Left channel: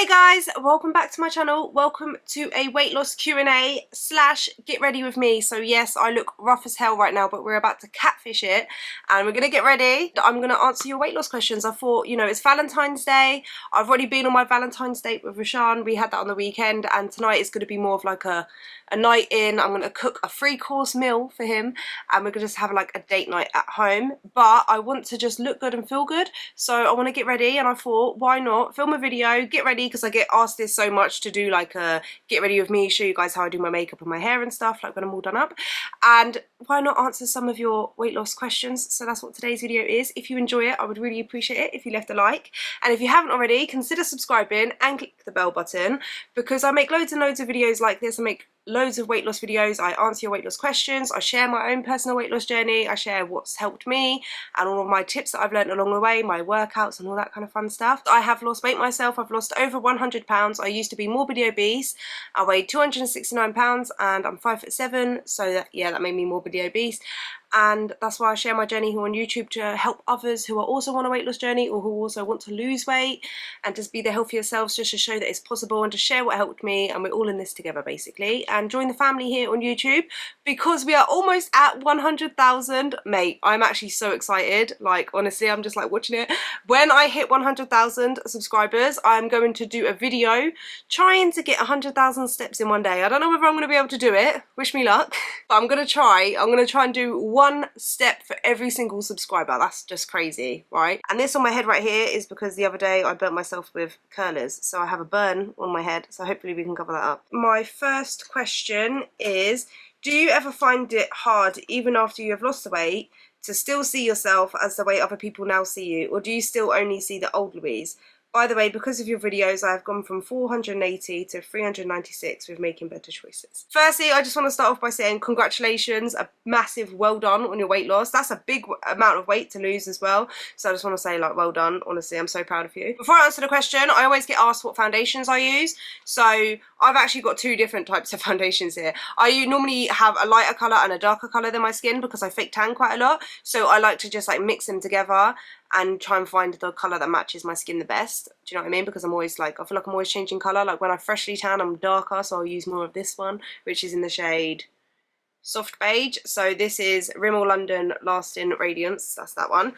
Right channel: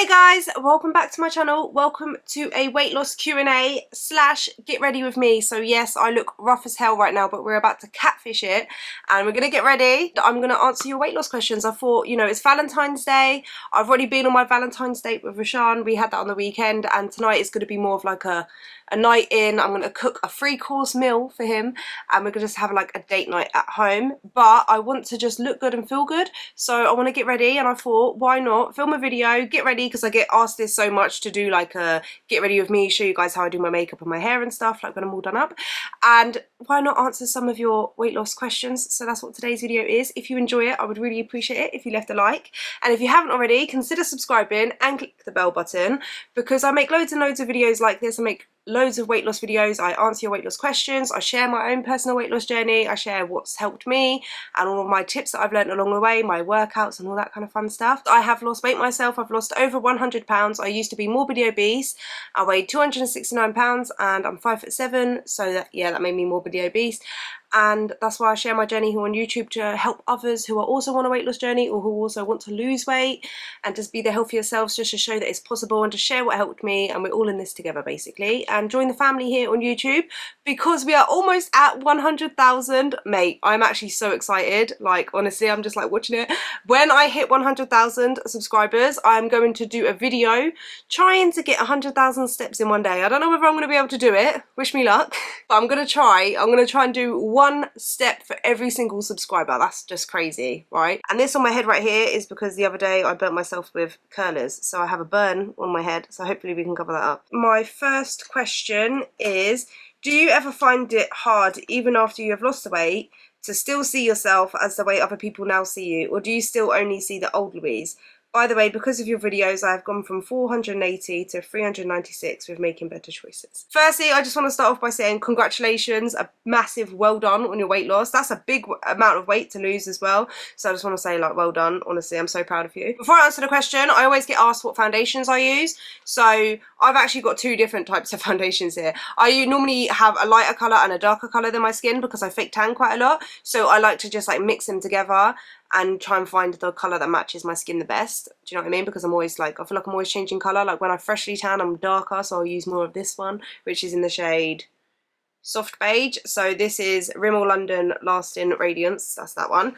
Hey guys, welcome back to my channel. Welcome to a weight loss Q&A slash get ready with me. So yes, I look rough as hell right now, but we're about to catfish it and we're gonna get ready. I'm gonna answer your weight loss questions. I thought, you know, it's Valentine's Day. I've already been on my Valentine's date with Rashan. We had that on the weekend, and tonight is gonna be more of like a night in. I'm gonna cook a 3-course meal for him and we're gonna just have like a date night at home. But I want to just look good and feel good, so I want to get ready, and I thought, why not film a video, get ready, because I get asked this so much to do like a get ready with me, show you guys how I do my makeup and my hair and stuff, like when I'm all done up. And why not answer some of your weight loss questions? So that's what today's video is. If you enjoy it, I would really appreciate it if you left a like, and if you haven't already, consider subscribing and click the bell button, because I make loads and loads of videos like this. I make loads of weight loss videos. I answer your weight loss questions. I share my own personal weight loss journey. I share what's helped me and all of my tips that I've learned along the way, my workouts and all that kind of fun stuff. I have lost weight myself. I've lost over 100 pounds. I used to be morbidly obese. I weighed 269 pounds and I'm 5'7", so that made me morbidly obese. And that's why I share my journey here on YouTube, to help others who are also on a weight loss journey or who also want to lose weight and just be their healthier selves, just to show that it's possible and to share what helped me, and we're all in this together basically. And join the family here on YouTube, because we are almost at 100,000. Mate, I'm actually so excited. Like, honestly, I'm just like watching it. When I hit 100,000 subscribers, I'm going to do a video trying to get 100,000 steps in one day. I don't know whether I'm going to be able to do it. Wish me luck. But I'm going to try. I'm going to try and do one step for every single subscriber. That's just crazy, right? And this on my head right here is because the other day I burnt myself with curlers, so I have a burn on my head, so hopefully we can cover that up. My first question is, do you ever find it hard, even after you have lost the weight, to still see yourself as the way other people now see you, or do you still only see the old Louise? By the way, because of your videos, I've gone from 480 to 396 with making better choices. Firstly, I just want to start off by saying congratulations, a massive well done on your weight loss. That's a big amount of weight to lose as well. So I just want to say, like, well done. Honestly, I'm so proud of you. Before I answer the question, I always get asked what foundations I use. So I've actually got 2 different types of foundations here. I normally have a lighter colour and a darker colour than my skin, because I fake tan quite a lot. So I like to just like mix them together and try and find the colour that matches my skin the best. Do you know what I mean? Because I'm always like, I feel like I'm always changing colour. Like when I freshly tan, I'm darker, so I'll use more of this one, which is in the shade Soft Beige. So this is Rimmel London Lasting Radiance. That's that one.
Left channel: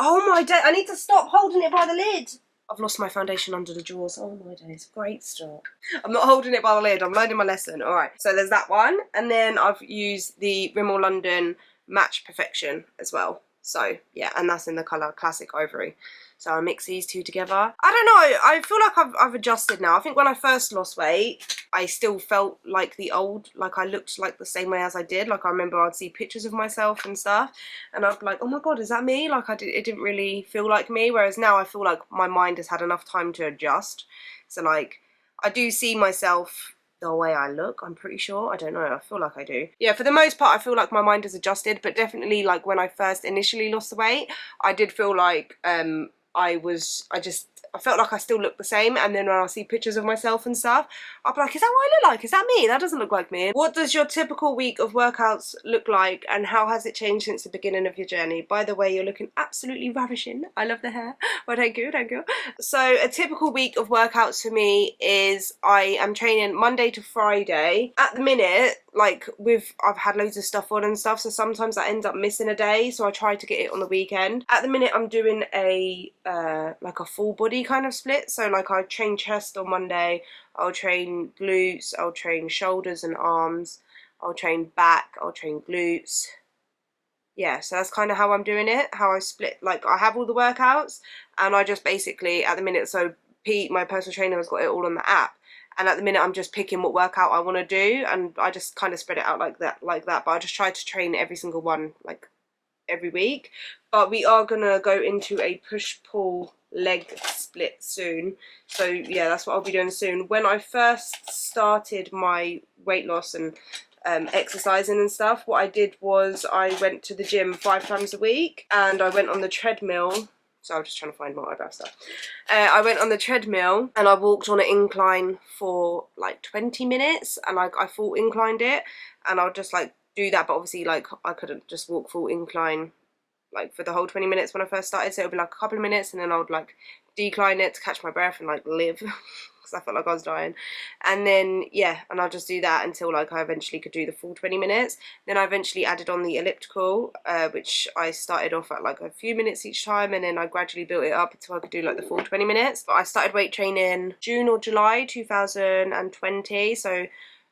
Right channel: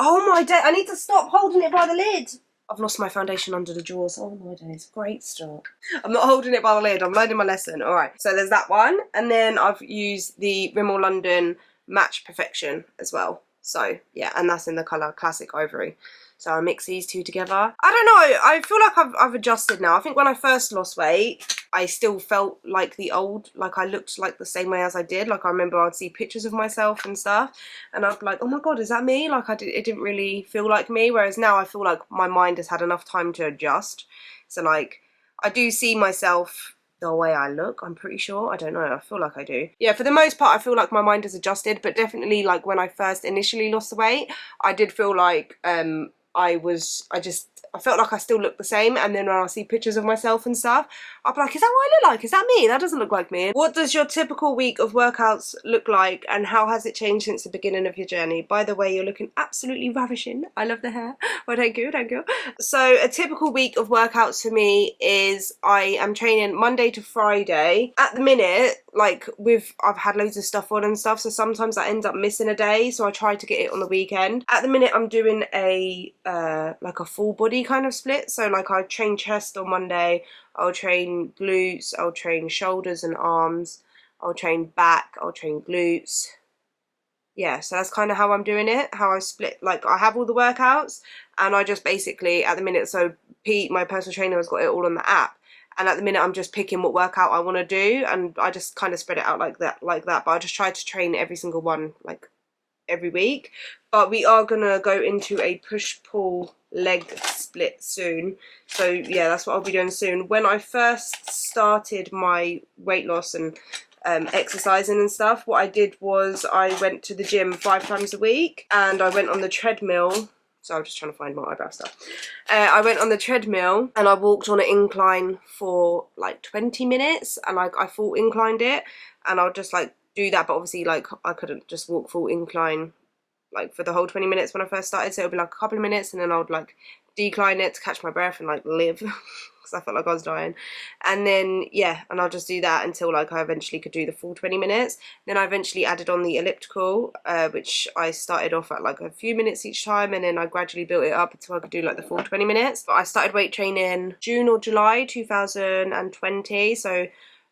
Oh my day, I need to stop holding it by the lid. I've lost my foundation under the drawers. Oh my days, great start. I'm not holding it by the lid, I'm learning my lesson. All right, so there's that one. And then I've used the Rimmel London Match Perfection as well. So yeah, and that's in the colour Classic Ivory. So I mix these 2 together. I don't know, I feel like I've adjusted now. I think when I first lost weight, I still felt like the old, like I looked like the same way as I did. Like I remember I'd see pictures of myself and stuff, and I'd be like, oh my god, is that me? Like it didn't really feel like me. Whereas now I feel like my mind has had enough time to adjust. So like, I do see myself the way I look, I'm pretty sure. I don't know, I feel like I do. Yeah, for the most part, I feel like my mind has adjusted, but definitely like when I first initially lost the weight, I did feel like I felt like I still looked the same, and then when I see pictures of myself and stuff, I'll be like, is that what I look like? Is that me? That doesn't look like me. What does your typical week of workouts look like, and how has it changed since the beginning of your journey? By the way, you're looking absolutely ravishing. I love the hair. Well, thank you, thank you. So a typical week of workouts for me is I am training Monday to Friday. At the minute, like I've had loads of stuff on and stuff, so sometimes I end up missing a day, so I try to get it on the weekend. At the minute, I'm doing a like a full body kind of split. So like I train chest on Monday, I'll train glutes, I'll train shoulders and arms, I'll train back, I'll train glutes. Yeah, so that's kind of how I'm doing it, how I split. Like I have all the workouts, and I just basically at the minute, so Pete, my personal trainer, has got it all on the app, and at the minute I'm just picking what workout I want to do, and I just kind of spread it out like that. But I just try to train every single one like every week. But we are gonna go into a push-pull leg split soon, so yeah, that's what I'll be doing soon. When I first started my weight loss and exercising and stuff, what I did was I went to the gym 5 times a week, and I went on the treadmill. So I'm just trying to find my eyebrow stuff. I went on the treadmill and I walked on an incline for like 20 minutes, and like I full inclined it, and I'll just like do that. But obviously like I couldn't just walk full incline like for the whole 20 minutes when I first started, so it would be like a couple of minutes, and then I would like decline it to catch my breath and like live. because I felt like I was dying. And then yeah, and I'll just do that until like I eventually could do the full 20 minutes. Then I eventually added on the elliptical, which I started off at like a few minutes each time, and then I gradually built it up until I could do like the full 20 minutes. But I started weight training June or July 2020, so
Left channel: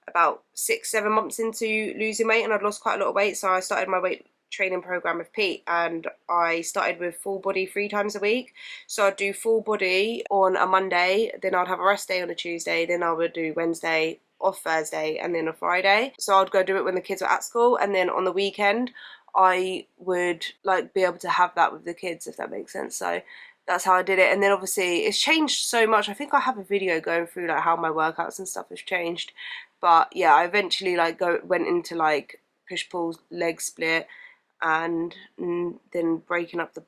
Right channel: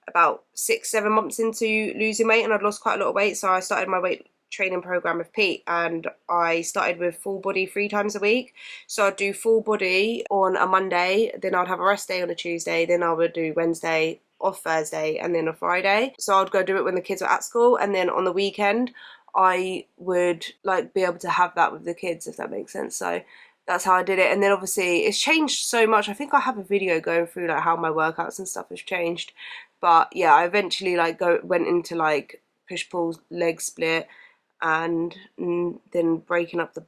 about 6-7 months into losing weight, and I'd lost quite a lot of weight. So I started my weight training program with Pete, and I started with full body 3 times a week. So I'd do full body on a Monday, then I'd have a rest day on a Tuesday, then I would do Wednesday, off Thursday, and then a Friday. So I'd go do it when the kids were at school, and then on the weekend I would like be able to have that with the kids, if that makes sense. So that's how I did it. And then obviously it's changed so much. I think I have a video going through like how my workouts and stuff has changed. But yeah, I eventually like went into like push pull leg split, and then breaking up the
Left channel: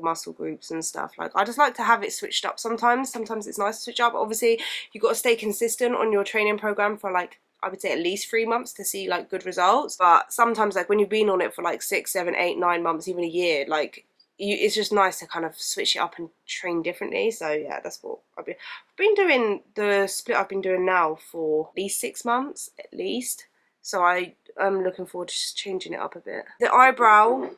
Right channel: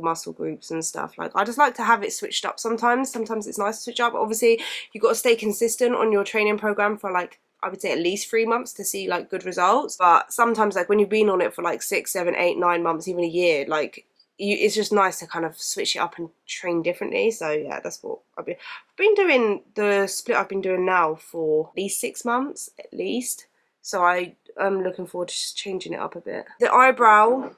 muscle groups and stuff. Like I just like to have it switched up sometimes. Sometimes it's nice to switch up. Obviously you've got to stay consistent on your training program for like, I would say at least 3 months to see like good results. But sometimes like when you've been on it for like 6, 7, 8, 9 months, even a year, like it's just nice to kind of switch it up and train differently. So yeah, that's what I've been doing. The split I've been doing now for at least 6 months at least. So I'm looking forward to just changing it up a bit. The eyebrow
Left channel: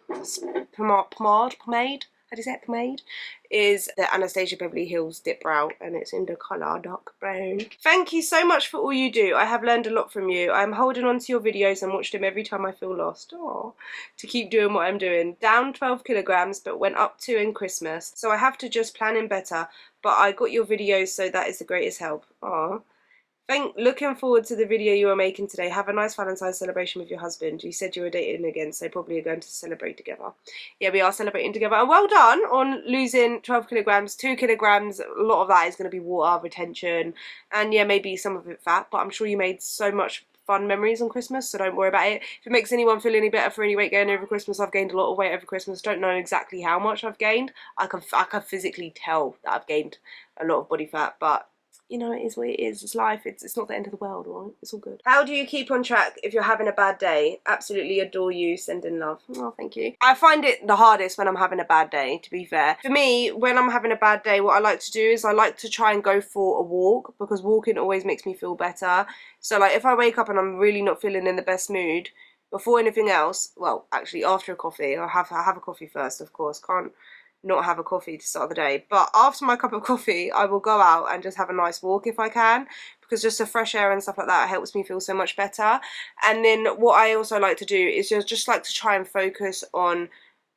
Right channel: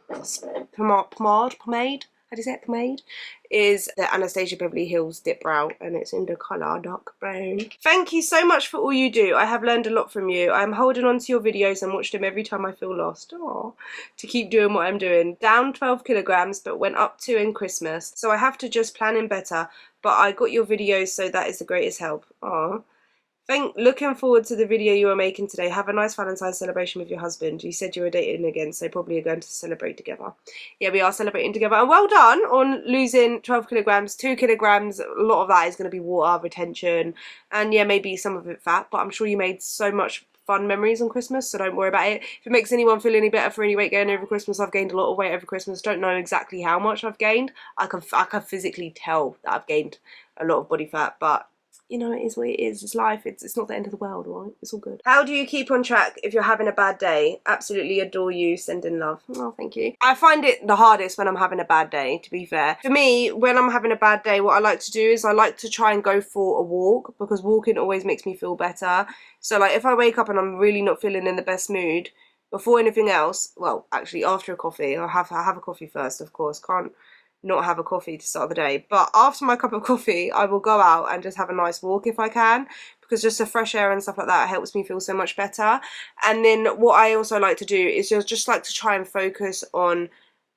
pomade, how do you say it, pomade, is the Anastasia Beverly Hills Dip Brow, and it's in the colour dark brown. Thank you so much for all you do. I have learned a lot from you. I'm holding on to your videos and watch them every time I feel lost. Aww. To keep doing what I'm doing. Down 12 kilograms, but went up 2 in Christmas. So I have to just plan in better, but I got your videos, so that is the greatest help. Aww. Looking forward to the video you are making today. Have a nice Valentine's celebration with your husband. You said you were dating again, so probably you're going to celebrate together. Yeah, we are celebrating together. And well done on losing 12 kilograms, 2 kilograms. A lot of that is going to be water retention, and yeah, maybe some of it fat, but I'm sure you made so much fun memories on Christmas, so don't worry about it. If it makes anyone feel any better for any weight gain over Christmas, I've gained a lot of weight over Christmas. Don't know exactly how much I've gained. I can physically tell that I've gained a lot of body fat, but you know, it is what it is. It's life. It's not the end of the world, right? It's all good. How do you keep on track if you're having a bad day? Absolutely adore you. Sending love. Oh, thank you. I find it the hardest when I'm having a bad day, to be fair. For me, when I'm having a bad day, what I like to do is I like to try and go for a walk, because walking always makes me feel better. So like if I wake up and I'm really not feeling in the best mood, before anything else, well, actually after a coffee, I have a coffee first, of course. Can't not have a coffee to start the day, but after my cup of coffee I will go out and just have a nice walk if I can, because just the fresh air and stuff like that helps me feel so much better. And then what I also like to do is just like to try and focus on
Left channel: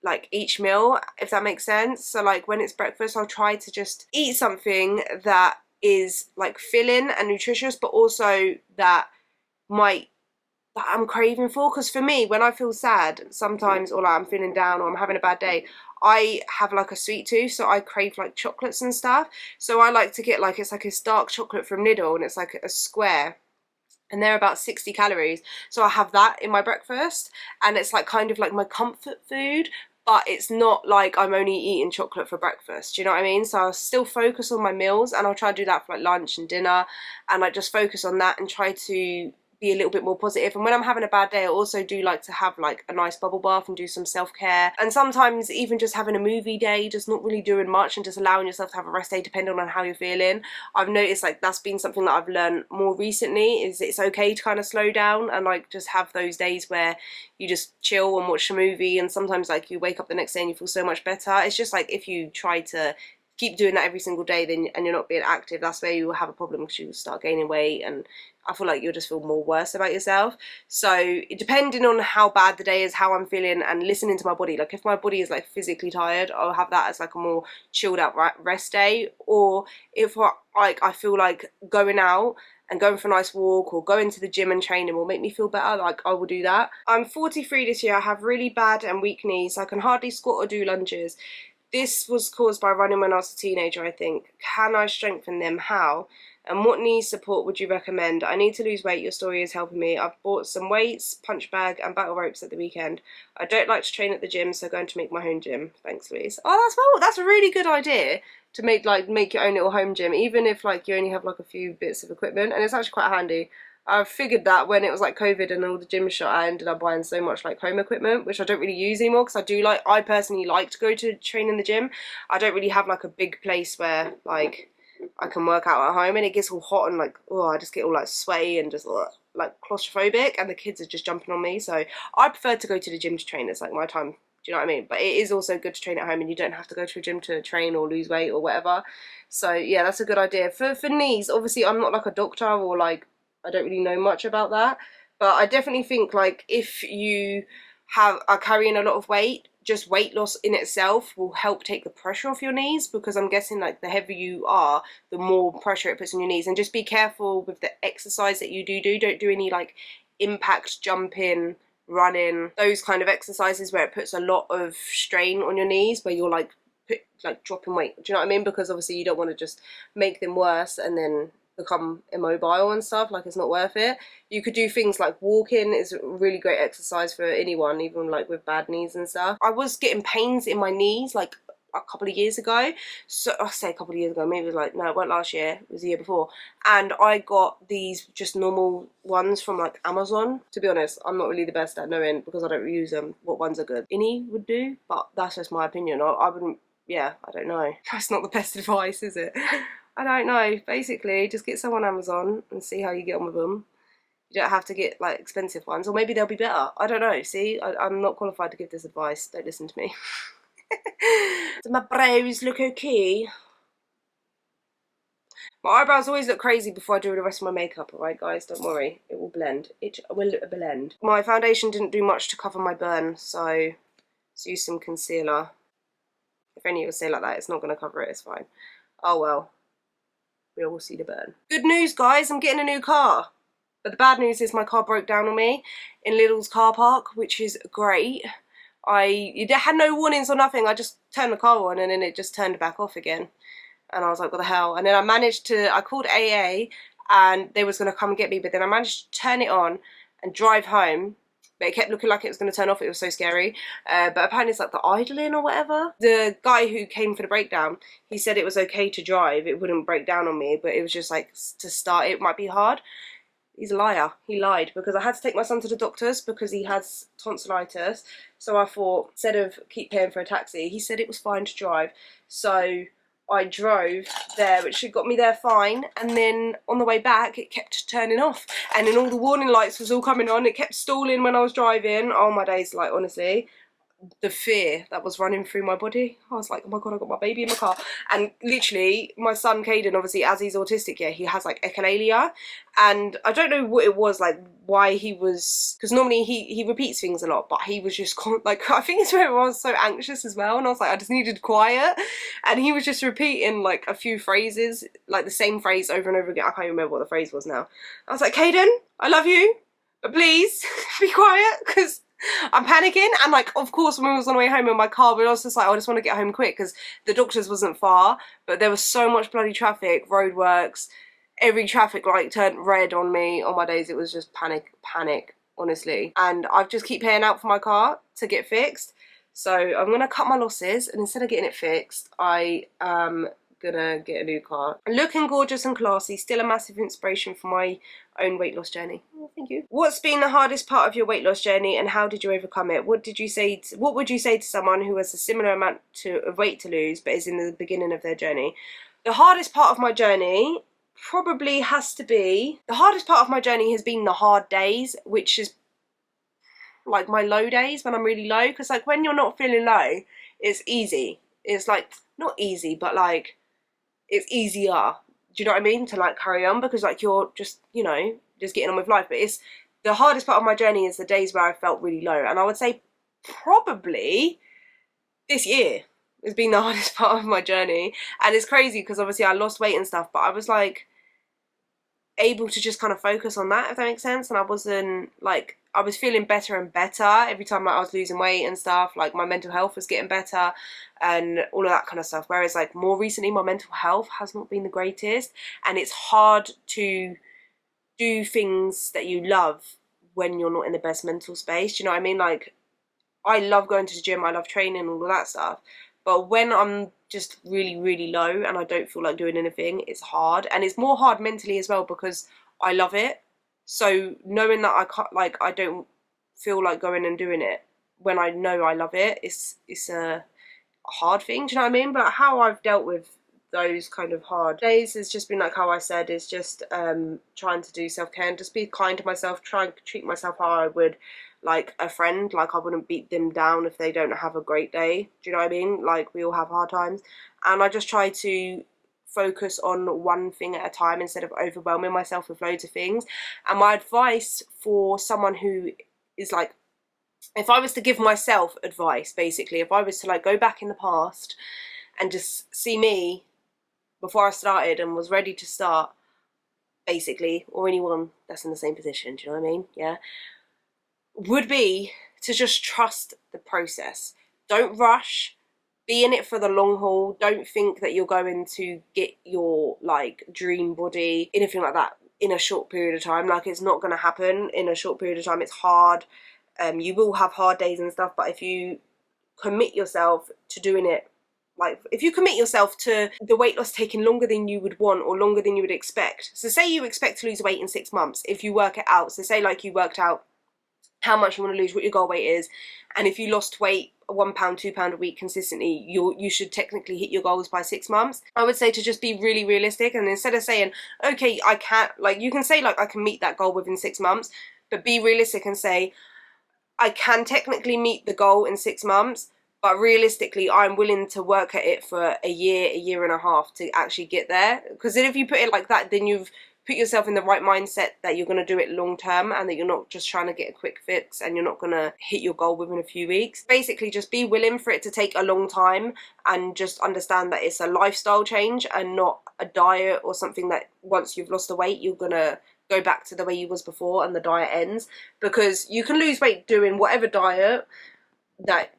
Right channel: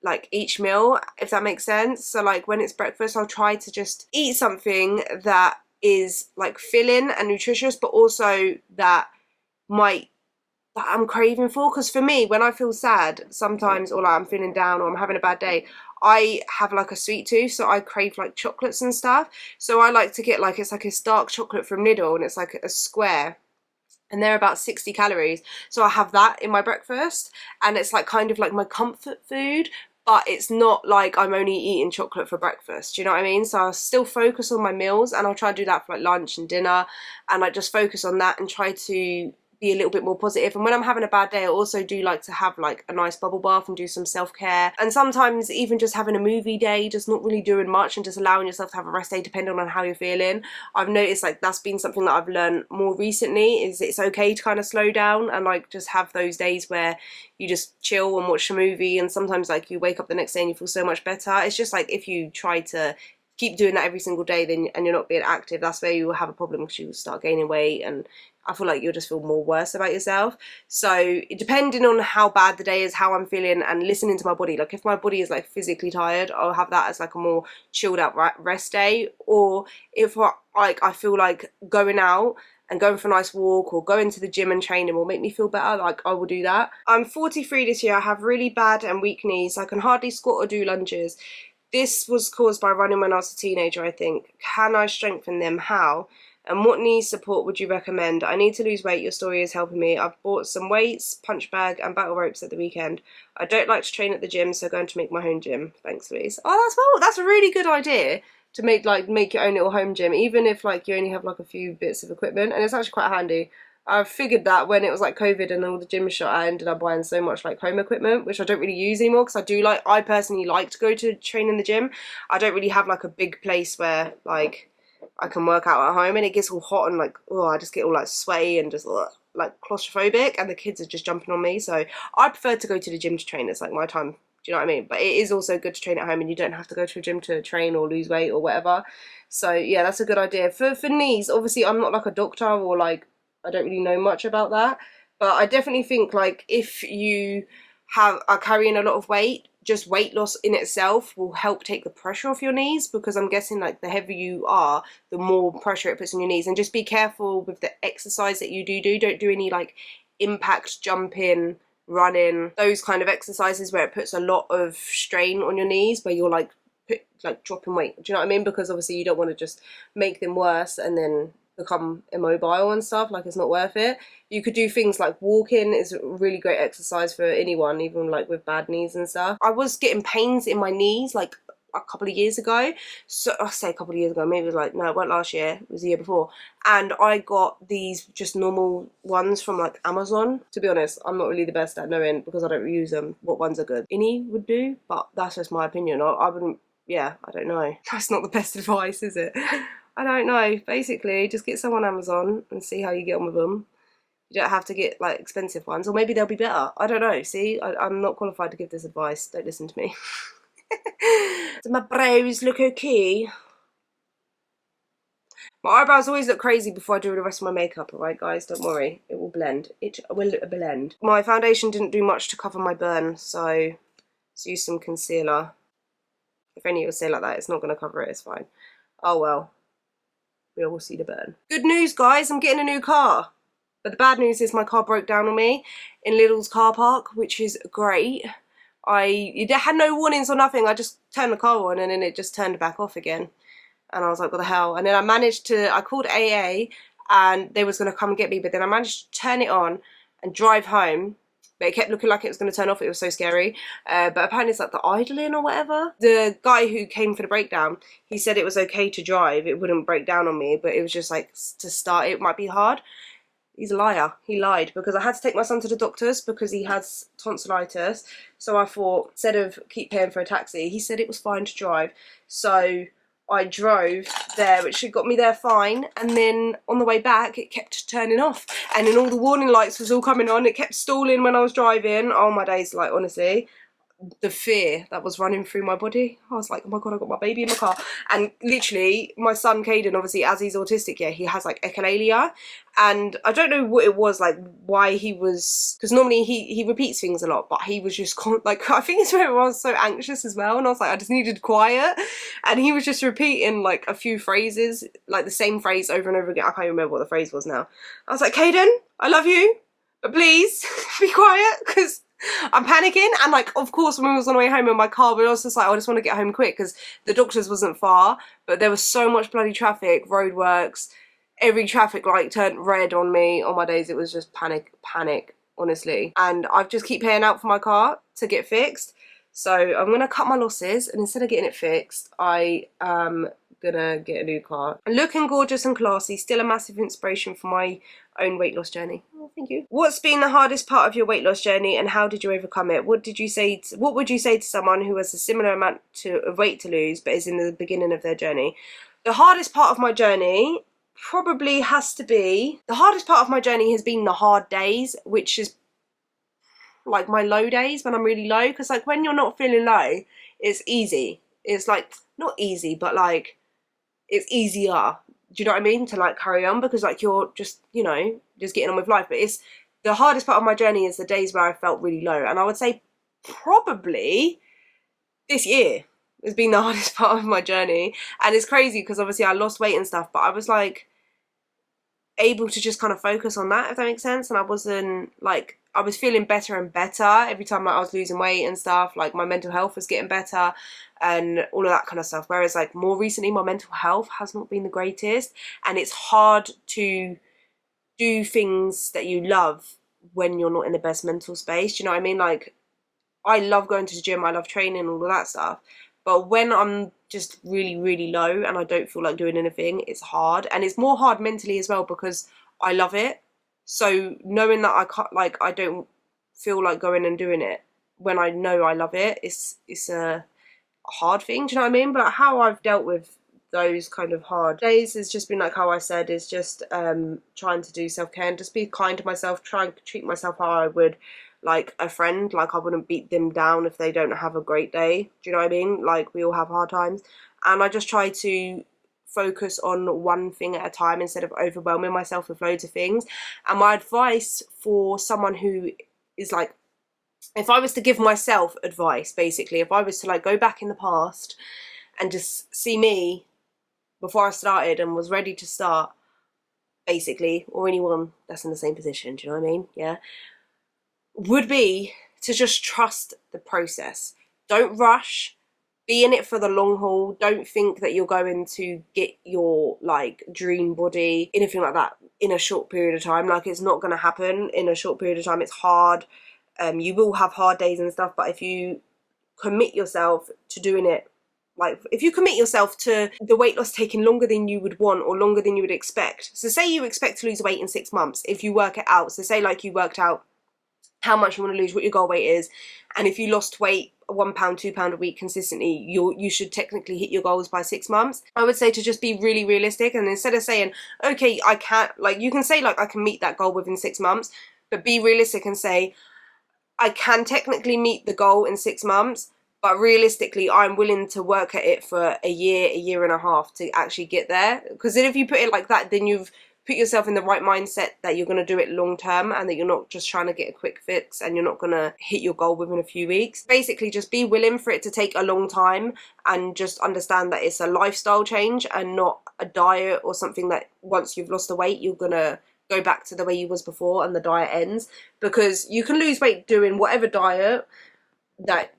like each meal, if that makes sense. So like when it's breakfast, I'll try to just eat something that is like filling and nutritious, but also that I'm craving for. Because for me, when I feel sad sometimes, or like I'm feeling down or I'm having a bad day, I have like a sweet tooth, so I crave like chocolates and stuff. So I like to get like, it's like a dark chocolate from Lidl, and it's like a square, and they're about 60 calories. So I have that in my breakfast, and it's like kind of like my comfort food, but it's not like I'm only eating chocolate for breakfast. Do you know what I mean? So I'll still focus on my meals, and I'll try to do that for like lunch and dinner, and like just focus on that and try to be a little bit more positive. And when I'm having a bad day, I also do like to have like a nice bubble bath and do some self-care, and sometimes even just having a movie day, just not really doing much and just allowing yourself to have a rest day depending on how you're feeling. I've noticed like that's been something that I've learned more recently, is it's okay to kind of slow down and like just have those days where you just chill and watch a movie, and sometimes like you wake up the next day and you feel so much better. It's just like if you try to keep doing that every single day and you're not being active, that's where you will have a problem, because you will start gaining weight, and I feel like you'll just feel more worse about yourself. So depending on how bad the day is, how I'm feeling, and listening to my body, like if my body is like physically tired, I'll have that as like a more chilled out rest day. Or if I feel like going out and going for a nice walk or going to the gym and training will make me feel better, like I will do that. I'm 43 this year. I have really bad and weak knees. I can hardly squat or do lunges. This was caused by running when I was a teenager, I think. Can I strengthen them? How? And what knee support would you recommend? I need to lose weight. Your story is helping me. I've bought some weights, punch bag and battle ropes at the weekend. I don't like to train at the gym, so going to make my own gym. Thanks, Louise. Oh, that's a really good idea, to make your own little home gym, even if like you only have like a few bits of equipment, and it's actually quite handy. I figured that when it was like COVID and all the gyms shut, I ended up buying so much like home equipment, which I don't really use anymore, because I personally like to go to train in the gym. I don't really have like a big place where like I can work out at home, and it gets all hot and like, oh, I just get all like sweaty and just like claustrophobic, and the kids are just jumping on me. So I prefer to go to the gym to train. It's like my time. Do you know what I mean? But it is also good to train at home, and you don't have to go to a gym to train or lose weight or whatever. So yeah, that's a good idea. For knees, obviously I'm not like a doctor, or like I don't really know much about that, but I definitely think like if you are carrying a lot of weight, just weight loss in itself will help take the pressure off your knees, because I'm guessing like the heavier you are, the more pressure it puts on your knees. And just be careful with the exercise that you do. Don't do any like impact jumping, running, those kind of exercises where it puts a lot of strain on your knees, where you're like dropping weight. Do you know what I mean? Because obviously you don't want to just make them worse and then become immobile and stuff. Like, it's not worth it. You could do things like walking is a really great exercise for anyone, even like with bad knees and stuff. I was getting pains in my knees like a couple of years ago. So I say a couple of years ago, maybe it was like, no, it wasn't last year, it was the year before. And I got these just normal ones from like Amazon. To be honest, I'm not really the best at knowing, because I don't use them, what ones are good. Any would do, but that's just my opinion. I wouldn't, yeah, I don't know. That's not the best advice, is it? I don't know. Basically, just get some on Amazon and see how you get on with them. You don't have to get like expensive ones, or maybe they'll be better. I don't know. See, I'm not qualified to give this advice. Don't listen to me. Do my brows look okay? My eyebrows always look crazy before I do the rest of my makeup, alright guys? Don't worry. It will blend. It will blend. My foundation didn't do much to cover my burn, so let's use some concealer. If any of you say like that, it's not going to cover it. It's fine. Oh well. We all see the burn. Good news, guys, I'm getting a new car. But the bad news is my car broke down on me in Lidl's car park, which is great. It had no warnings or nothing. I just turned the car on and then it just turned back off again. And I was like, what the hell? And then I called AA and they was going to come and get me, but then I managed to turn it on and drive home. But it kept looking like it was going to turn off. It was so scary. But apparently it's like the idling or whatever. The guy who came for the breakdown, he said it was okay to drive. It wouldn't break down on me, but it was just like to start it might be hard. He's a liar. He lied, because I had to take my son to the doctor's because he has tonsillitis. So I thought, instead of keep paying for a taxi, he said it was fine to drive. So I drove there, which got me there fine, and then on the way back it kept turning off, and then all the warning lights was all coming on. It kept stalling when I was driving. Oh my days, like honestly, the fear that was running through my body. I was like, oh my god, I got my baby in my car. And literally my son Caden, obviously as he's autistic, yeah, he has like echolalia, and I don't know what it was, like why he was, because normally he repeats things a lot, but he was just like, I think it's where I was so anxious as well, and I was like, I just needed quiet, and he was just repeating like a few phrases, like the same phrase over and over again. I can't remember what the phrase was now. I was like, Caden, I love you, but please be quiet, because I'm panicking. And like, of course, when we was on the way home in my car, we were also just like, I just want to get home quick, because the doctor's wasn't far, but there was so much bloody traffic, roadworks, every traffic light turned red on me. On my days, it was just panic, honestly. And I just keep paying out for my car to get fixed. So I'm going to cut my losses, and instead of getting it fixed, I am gonna get a new car. Looking gorgeous and classy, still a massive inspiration for my own weight loss journey. Oh, thank you. What's been the hardest part of your weight loss journey, and how did you overcome it? What would you say to someone who has a similar amount of weight to lose but is in the beginning of their journey? The hardest part of my journey probably has to be, the hardest part of my journey has been the hard days, which is like my low days, when I'm really low, because like when you're not feeling low, it's easy. It's like, not easy, but like, it's easier, do you know what I mean, to like carry on, because like you're just, you know, just getting on with life. But it's the hardest part of my journey is the days where I felt really low, and I would say probably this year has been the hardest part of my journey. And it's crazy because obviously I lost weight and stuff, but I was like able to just kind of focus on that, if that makes sense. And I wasn't like, I was feeling better and better every time like I was losing weight and stuff. Like my mental health was getting better and all of that kind of stuff. Whereas like more recently, my mental health has not been the greatest, and it's hard to do things that you love when you're not in the best mental space. Do you know what I mean? Like, I love going to the gym, I love training, all of that stuff. But when I'm just really, really low and I don't feel like doing anything, it's hard. And it's more hard mentally as well, because I love it. So knowing that I can't, like, I don't feel like going and doing it when I know I love it, it's a hard thing, do you know what I mean? But how I've dealt with those kind of hard days has just been like how I said, is just trying to do self-care and just be kind to myself, try and treat myself how I would like a friend. Like I wouldn't beat them down if they don't have a great day. Do you know what I mean? Like we all have hard times, and I just try to focus on one thing at a time instead of overwhelming myself with loads of things. And my advice for someone who is like, if I was to give myself advice, basically, if I was to like go back in the past and just see me before I started and was ready to start, basically, or anyone that's in the same position, do you know what I mean? Yeah, would be to just trust the process. Don't rush. Be in it for the long haul. Don't think that you're going to get your like dream body, anything like that, in a short period of time. Like it's not going to happen in a short period of time. It's hard. You will have hard days and stuff, but if you commit yourself to doing it, like if you commit yourself to the weight loss taking longer than you would want or longer than you would expect. So say you expect to lose weight in 6 months, if you work it out. So say like you worked out how much you want to lose, what your goal weight is, and if you lost weight £1, £2 a week consistently, you should technically hit your goals by 6 months. I would say to just be really realistic, and instead of saying, okay, I can't, like you can say like I can meet that goal within 6 months, but be realistic and say I can technically meet the goal in 6 months, but realistically I'm willing to work at it for a year and a half to actually get there. Because then if you put it like that, then you've put yourself in the right mindset that you're going to do it long term and that you're not just trying to get a quick fix and you're not going to hit your goal within a few weeks. Basically just be willing for it to take a long time, and just understand that it's a lifestyle change and not a diet or something that once you've lost the weight you're going to go back to the way you was before and the diet ends. Because you can lose weight doing whatever diet that,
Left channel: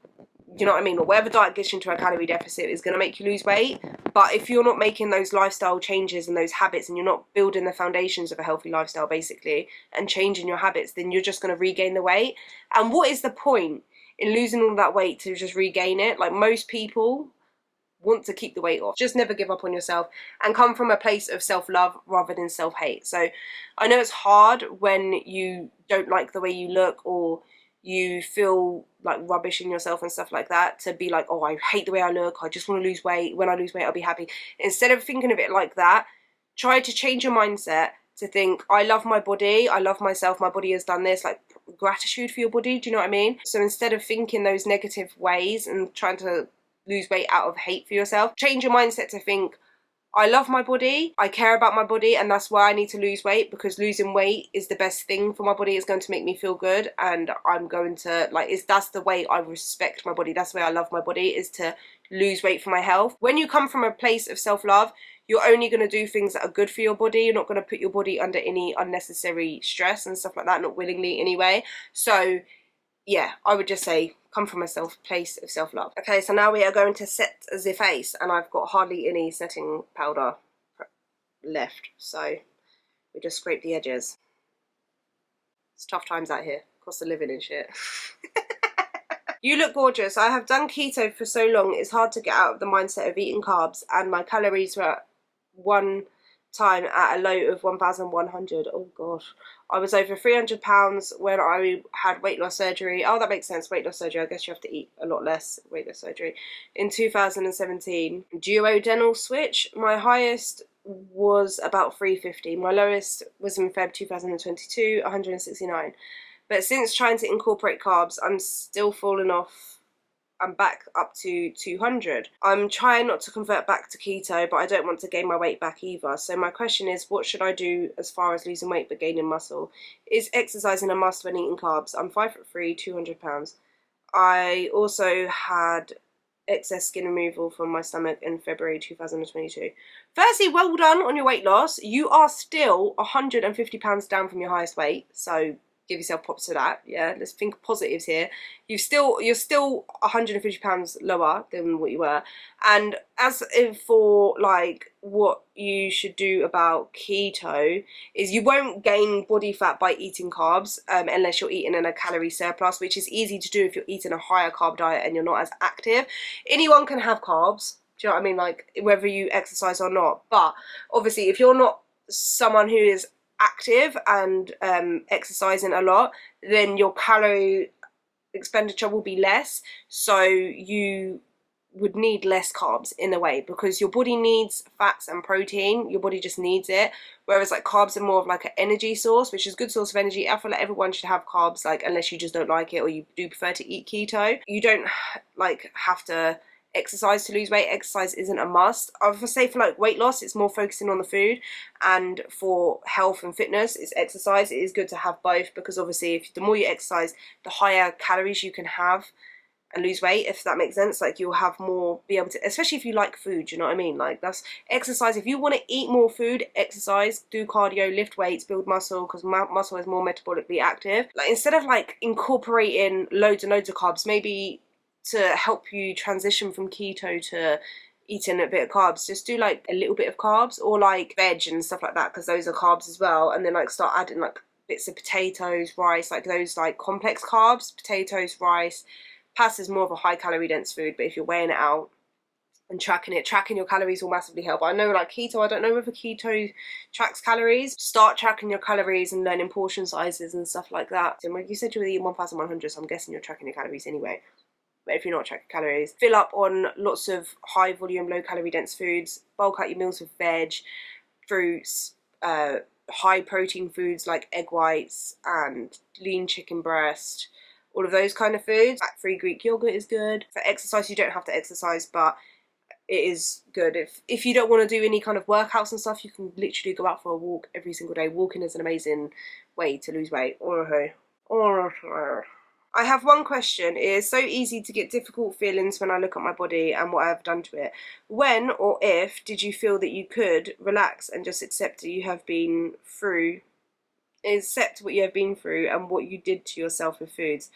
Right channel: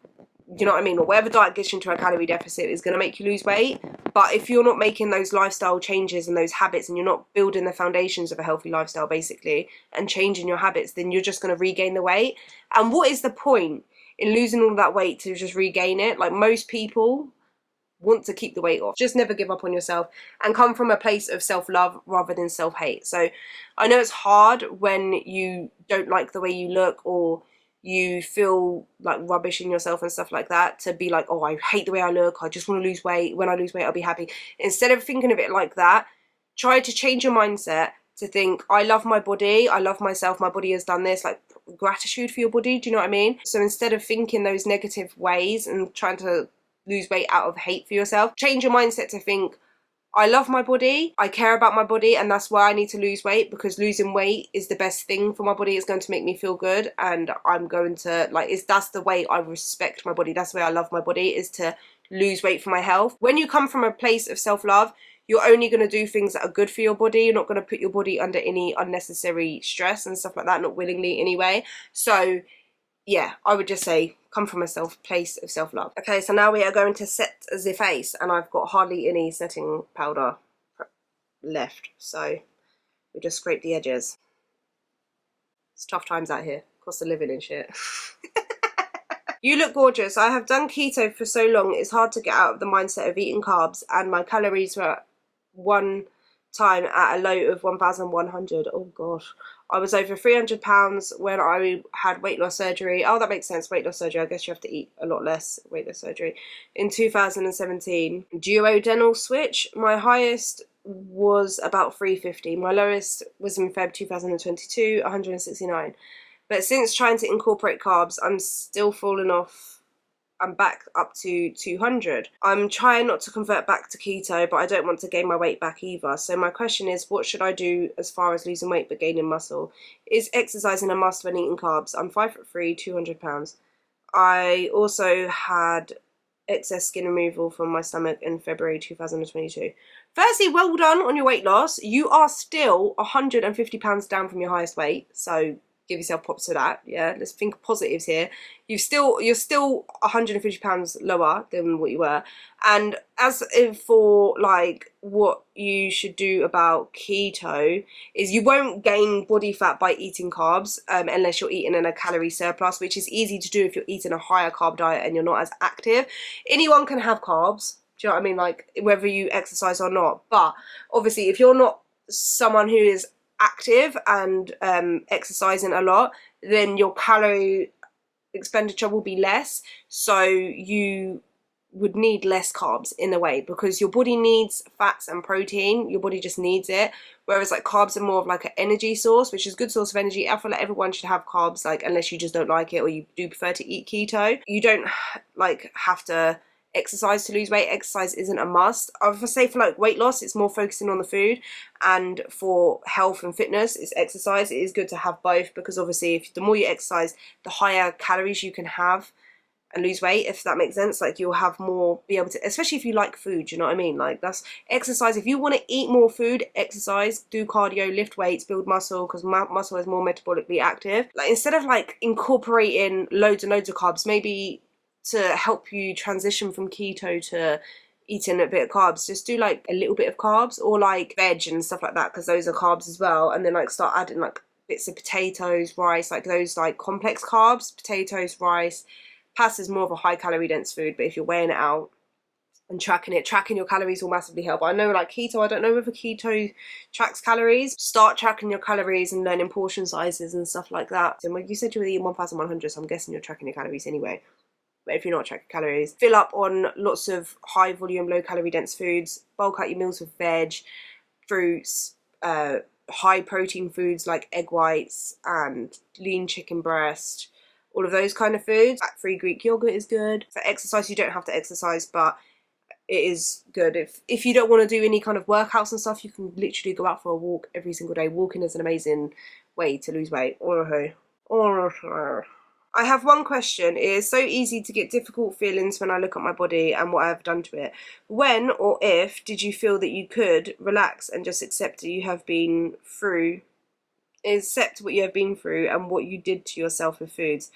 you know what I mean, or whatever diet gets you into a calorie deficit is going to make you lose weight. But if you're not making those lifestyle changes and those habits, and you're not building the foundations of a healthy lifestyle basically and changing your habits, then you're just going to regain the weight. And what is the point in losing all that weight to just regain it? Like most people want to keep the weight off. Just never give up on yourself and come from a place of self-love rather than self-hate. So I know it's hard when you don't like the way you look or you feel like rubbish in yourself and stuff like that, to be like, oh, I hate the way I look, I just want to lose weight, when I lose weight I'll be happy. Instead of thinking of it like that, try to change your mindset to think, I love my body, I love myself, my body has done this, like gratitude for your body, do you know what I mean? So instead of thinking those negative ways and trying to lose weight out of hate for yourself, change your mindset to think, I love my body, I care about my body, and that's why I need to lose weight, because losing weight is the best thing for my body. It's going to make me feel good, and I'm going to, like, that's the way I respect my body, that's the way I love my body, is to lose weight for my health. When you come from a place of self-love, you're only going to do things that are good for your body. You're not going to put your body under any unnecessary stress and stuff like that, not willingly anyway. So yeah, I would just say come from a place of self-love. Okay, so now we are going to set the face, and I've got hardly any setting powder left, so we just scrape the edges. It's tough times out here, cost of living and shit. You look gorgeous. I have done keto for so long, it's hard to get out of the mindset of eating carbs, and my calories were one time at a low of 1,100. Oh gosh, I was over 300 pounds when I had weight loss surgery. Oh, that makes sense, weight loss surgery, I guess you have to eat a lot less. Weight loss surgery in 2017. Duodenal switch, my highest was about 350, my lowest was in Feb 2022, 169. But since trying to incorporate carbs, I'm still falling off. I'm back up to 200. I'm trying not to convert back to keto, but I don't want to gain my weight back either. So my question is, what should I do as far as losing weight but gaining muscle? Is exercising a must when eating carbs? I'm 5'3", 200 pounds. I also had excess skin removal from my stomach in February 2022. Firstly, well done on your weight loss. You are still 150 pounds down from your highest weight, so give yourself props to that. Yeah, let's think positives here. You're still 150 pounds lower than what you were. And as for like what you should do about keto, is you won't gain body fat by eating carbs unless you're eating in a calorie surplus, which is easy to do if you're eating a higher carb diet and you're not as active. Anyone can have carbs, do you know what I mean, like whether you exercise or not. But obviously if you're not someone who is active and exercising a lot, then your calorie expenditure will be less, so you would need less carbs in a way, because your body needs fats and protein. Your body just needs it, whereas like carbs are more of like an energy source, which is a good source of energy. I feel like everyone should have carbs, like unless you just don't like it or you do prefer to eat keto. You don't like have to exercise to lose weight. Exercise isn't a must. I would say for like weight loss, it's more focusing on the food, and for health and fitness, it's exercise. It is good to have both, because obviously if the more you exercise, the higher calories you can have and lose weight, if that makes sense. Like you'll have more, be able to, especially if you like food, you know what I mean? Like that's exercise. If you want to eat more food, exercise, do cardio, lift weights, build muscle, because muscle is more metabolically active. Like instead of like incorporating loads and loads of carbs, maybe to help you transition from keto to eating a bit of carbs, just do like a little bit of carbs, or like veg and stuff like that, because those are carbs as well. And then like start adding like bits of potatoes, rice, like those like complex carbs, potatoes, rice. Pasta is more of a high calorie dense food, but if you're weighing it out and tracking your calories will massively help. I know like keto, I don't know whether keto tracks calories. Start tracking your calories and learning portion sizes and stuff like that. And like you said, you were eating 1,100, so I'm guessing you're tracking your calories anyway. But if you're not tracking calories, fill up on lots of high volume, low calorie dense foods. Bulk out your meals with veg, fruits, high protein foods like egg whites and lean chicken breast. All of those kind of foods. Fat-free Greek yogurt is good. For exercise, you don't have to exercise, but it is good. If you don't want to do any kind of workouts and stuff, you can literally go out for a walk every single day. Walking is an amazing way to lose weight. I have one question. It is so easy to get difficult feelings when I look at my body and what I have done to it. When or if did you feel that you could relax and just accept that you have been through accept what you have been through and what you did to yourself with foods?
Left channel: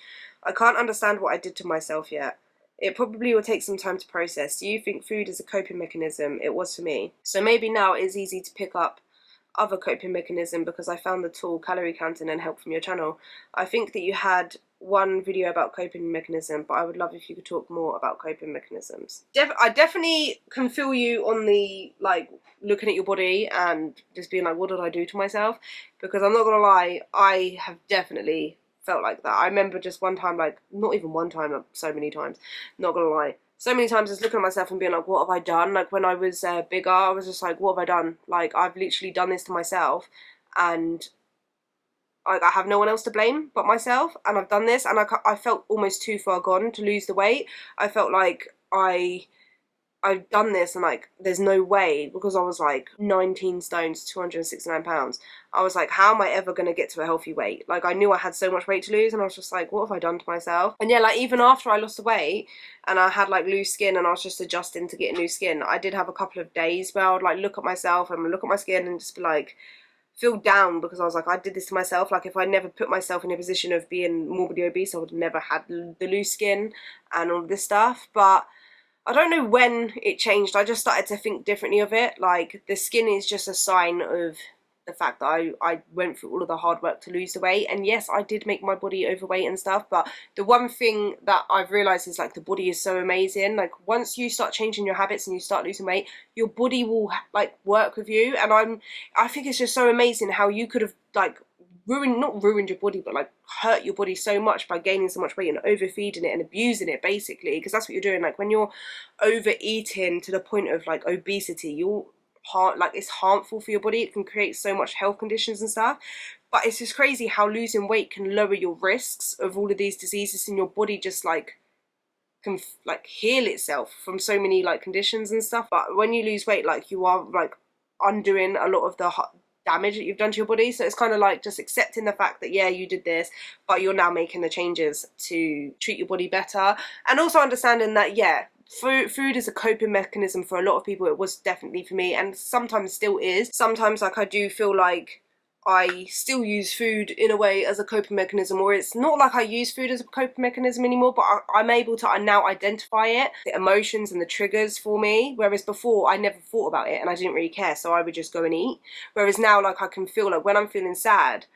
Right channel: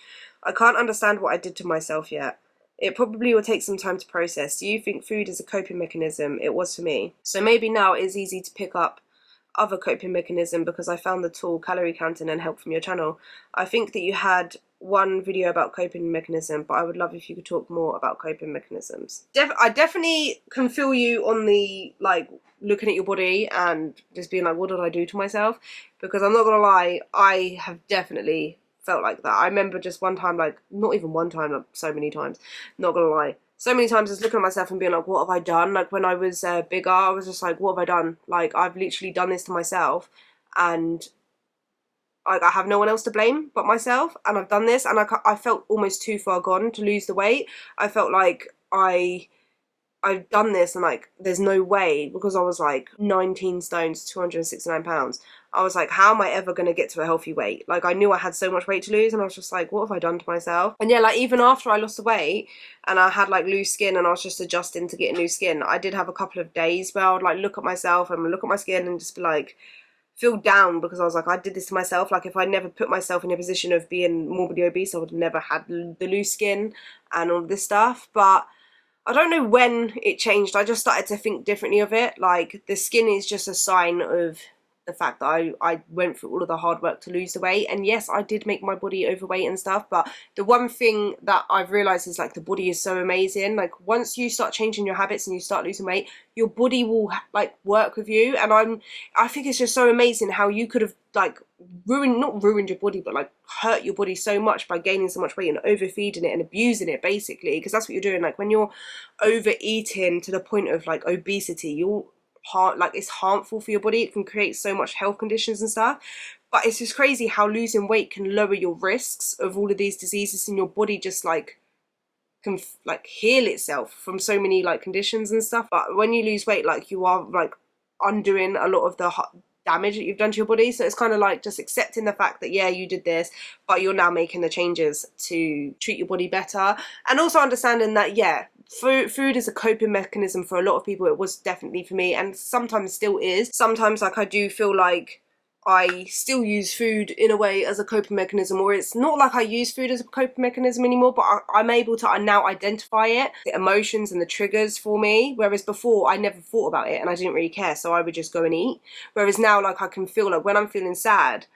I can't understand what I did to myself yet. It probably will take some time to process. Do you think food is a coping mechanism? It was for me. So maybe now it is easy to pick up other coping mechanism because I found the tool calorie counting and help from your channel. I think that you had one video about coping mechanism, but I would love if you could talk more about coping mechanisms. I definitely can feel you on the like looking at your body and just being like, what did I do to myself? Because I'm not gonna lie, I have definitely felt like that. I remember just one time, like not even one time, like so many times, not gonna lie, so many times just looking at myself and being like, what have I done? Like when I was bigger, I was just like, what have I done? Like I've literally done this to myself, and like I have no one else to blame but myself, and I've done this, and I felt almost too far gone to lose the weight. I felt like I've done this and like there's no way, because I was like 19 stones, 269 pounds. I was like, how am I ever going to get to a healthy weight? Like I knew I had so much weight to lose, and I was just like, what have I done to myself? And yeah, like even after I lost the weight and I had like loose skin and I was just adjusting to getting new skin, I did have a couple of days where I would like look at myself and look at my skin and just be like, feel down, because I was like, I did this to myself. Like if I never put myself in a position of being morbidly obese, I would have never had the loose skin and all this stuff. But I don't know when it changed. I just started to think differently of it. Like the skin is just a sign of the fact that I went through all of the hard work to lose the weight. And yes, I did make my body overweight and stuff, but the one thing that I've realized is like the body is so amazing. Like once you start changing your habits and you start losing weight, your body will like work with you. And I think it's just so amazing how you could have like not ruined your body, but like hurt your body so much by gaining so much weight and overfeeding it and abusing it, basically, because that's what you're doing. Like when you're overeating to the point of like obesity, it's harmful for your body. It can create so much health conditions and stuff. But it's just crazy how losing weight can lower your risks of all of these diseases, and your body just like can like heal itself from so many like conditions and stuff. But when you lose weight, like you are like undoing a lot of the damage that you've done to your body. So it's kind of like just accepting the fact that yeah, you did this, but you're now making the changes to treat your body better. And also understanding that yeah, food is a coping mechanism for a lot of people. It was definitely for me, and sometimes still is. Sometimes like I do feel like I still use food in a way as a coping mechanism, or it's not like I use food as a coping mechanism anymore, but I'm able to now identify it, the emotions and the triggers for me, whereas before I never thought about it and I didn't really care, so I would just go and eat. Whereas now like I can feel like when I'm feeling sad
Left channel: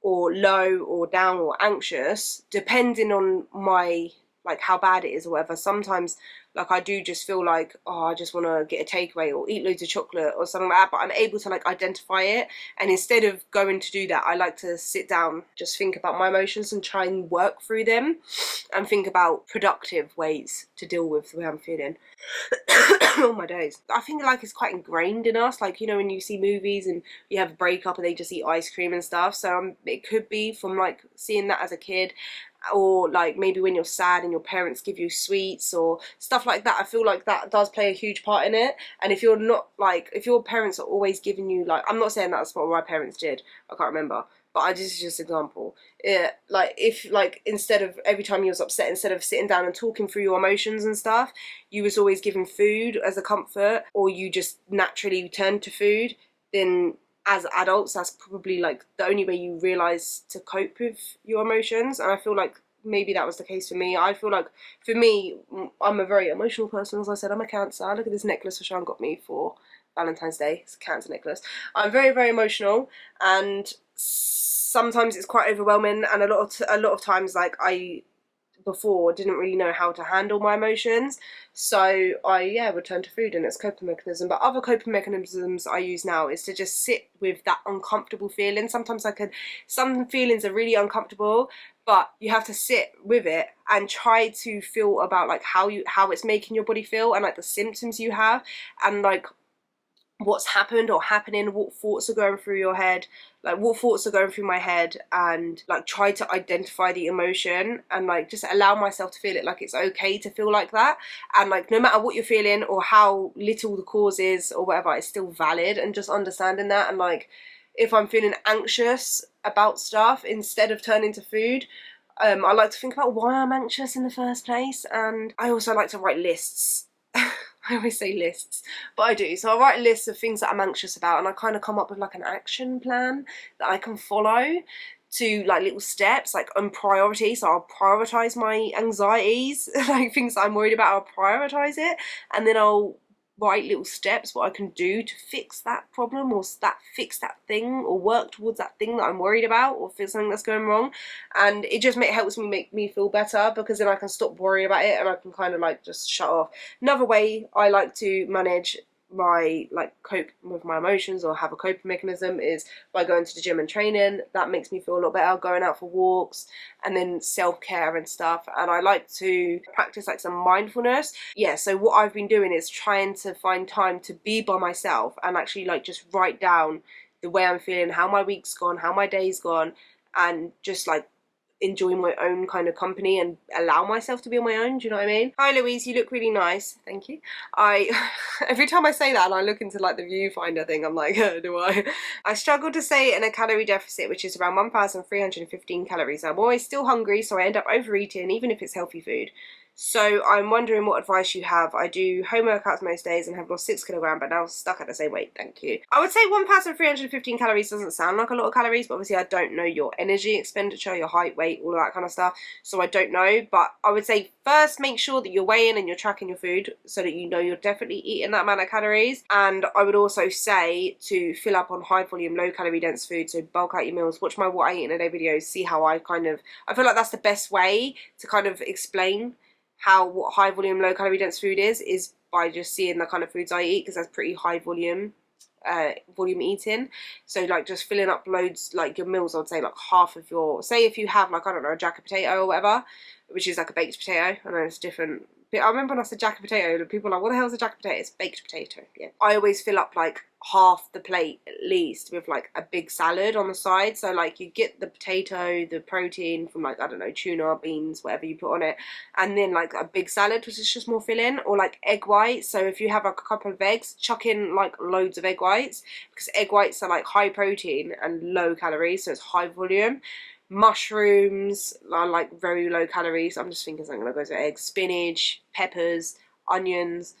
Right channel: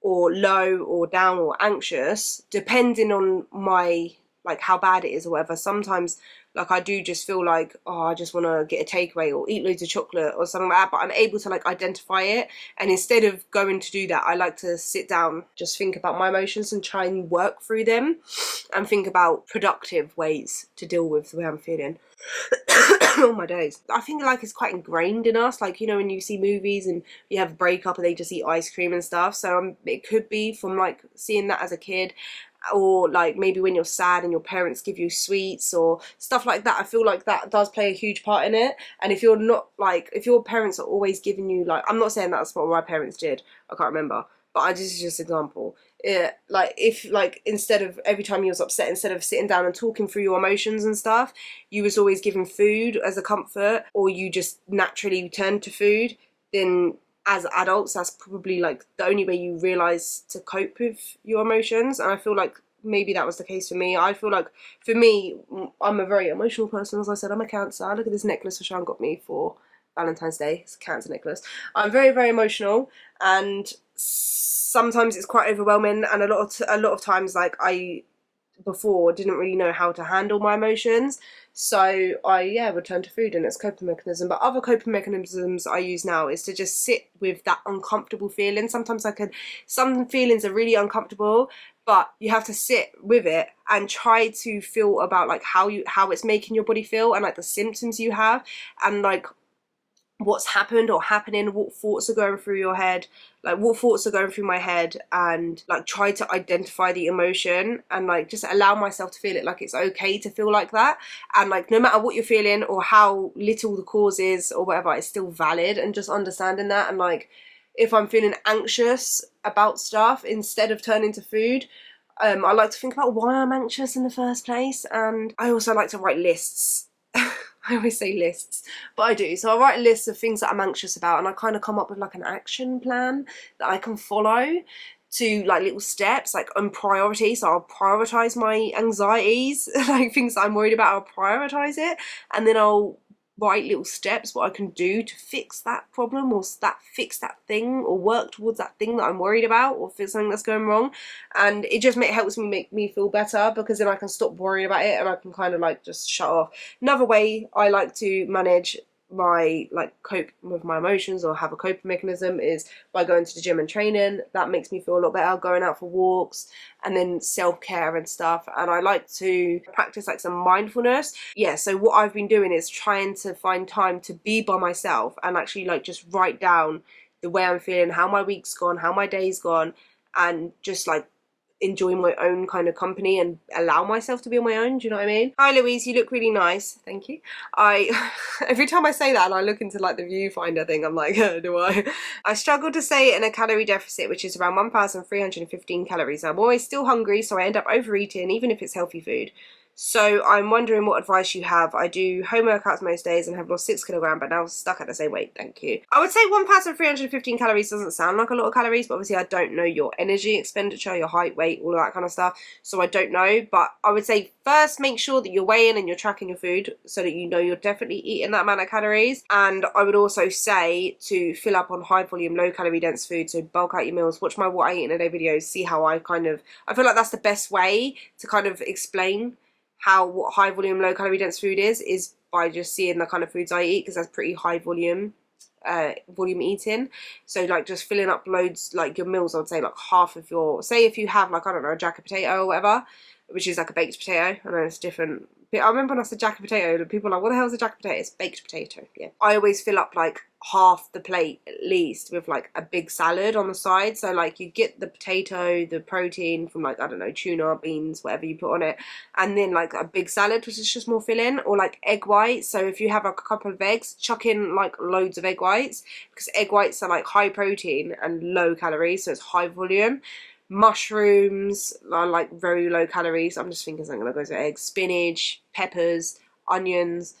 or low or down or anxious, depending on my like how bad it is or whatever. Sometimes like I do just feel like, oh, I just want to get a takeaway or eat loads of chocolate or something like that, but I'm able to like identify it, and instead of going to do that, I like to sit down, just think about my emotions and try and work through them and think about productive ways to deal with the way I'm feeling. Oh my days. I think like it's quite ingrained in us, like, you know, when you see movies and you have a breakup and they just eat ice cream and stuff, so it could be from like seeing that as a kid, or like maybe when you're sad and your parents give you sweets or stuff like that. I feel like that does play a huge part in it. And if you're not like, if your parents are always giving you like, I'm not saying that's what my parents did, I can't remember, but this is just an example. Like if like instead of every time you was upset, instead of sitting down and talking through your emotions and stuff, you was always given food as a comfort, or you just naturally turned to food, then as adults that's probably like the only way you realize to cope with your emotions. And I feel like maybe that was the case for me. I feel like for me, I'm a very emotional person. As I said, I'm a Cancer. Look at this necklace Rashan got me for Valentine's Day. It's a Cancer necklace. I'm very, very emotional, and sometimes it's quite overwhelming, and a lot of times like I before didn't really know how to handle my emotions, so I would turn to food, and it's a coping mechanism. But other coping mechanisms I use now is to just sit with that uncomfortable feeling. Sometimes some feelings are really uncomfortable, but you have to sit with it and try to feel about like how it's making your body feel, and like the symptoms you have, and like what's happened or happening, what thoughts are going through your head, like what thoughts are going through my head, and like try to identify the emotion and like just allow myself to feel it. Like it's okay to feel like that, and like no matter what you're feeling or how little the cause is or whatever, it's still valid, and just understanding that. And like if I'm feeling anxious about stuff, instead of turning to food, I like to think about why I'm anxious in the first place. And I also like to write lists. I always say lists, but I do. So I write lists of things that I'm anxious about, and I kind of come up with like an action plan that I can follow to like little steps, like on priority. So I'll prioritize my anxieties, like things that I'm worried about, I'll prioritize it, and then I'll write little steps what I can do to fix that problem, or fix that thing, or work towards that thing that I'm worried about, or fix something that's going wrong. And it just helps me make me feel better, because then I can stop worrying about it and I can kind of like just shut off. Another way I like to manage my like cope with my emotions or have a coping mechanism is by going to the gym and training. That makes me feel a lot better. Going out for walks, and then self-care and stuff. And I like to practice like some mindfulness. Yeah, so what I've been doing is trying to find time to be by myself and actually like just write down the way I'm feeling, how my week's gone, how my day's gone, and just like enjoy my own kind of company and allow myself to be on my own. Do you know what I mean? Hi Louise, you look really nice. Thank you. Every time I say that and I look into like the viewfinder thing, I'm like, do I? I struggle to stay in a calorie deficit, which is around 1,315 calories. I'm always still hungry, so I end up overeating even if it's healthy food. So I'm wondering what advice you have. I do home workouts most days and have lost 6 kilograms, but now stuck at the same weight. Thank you. I would say 1,315 calories doesn't sound like a lot of calories, but obviously I don't know your energy expenditure, your height, weight, all of that kind of stuff, so I don't know. But I would say first make sure that you're weighing and you're tracking your food so that you know you're definitely eating that amount of calories. And I would also say to fill up on high volume, low calorie dense food, so bulk out your meals, watch my what I eat in a day videos, see how I feel like that's the best way to kind of explain what high volume low calorie dense food is by just seeing the kind of foods I eat, because that's pretty high volume eating. So like just filling up loads, like your meals, I would say like half of your, say if you have like, I don't know, a jacket potato or whatever, which is like a baked potato. I know it's different. I remember when I said jacket potato, people were like, what the hell is a jacket potato? It's baked potato. Yeah. I always fill up like half the plate at least with like a big salad on the side. So like you get the potato, the protein from like, I don't know, tuna, beans, whatever you put on it, and then like a big salad, which is just more filling, or like egg whites. So if you have like a couple of eggs, chuck in like loads of egg whites, because egg whites are like high protein and low calories, so it's high volume. Mushrooms are like very low calories. I'm just thinking something that goes with eggs. Spinach, peppers, onions,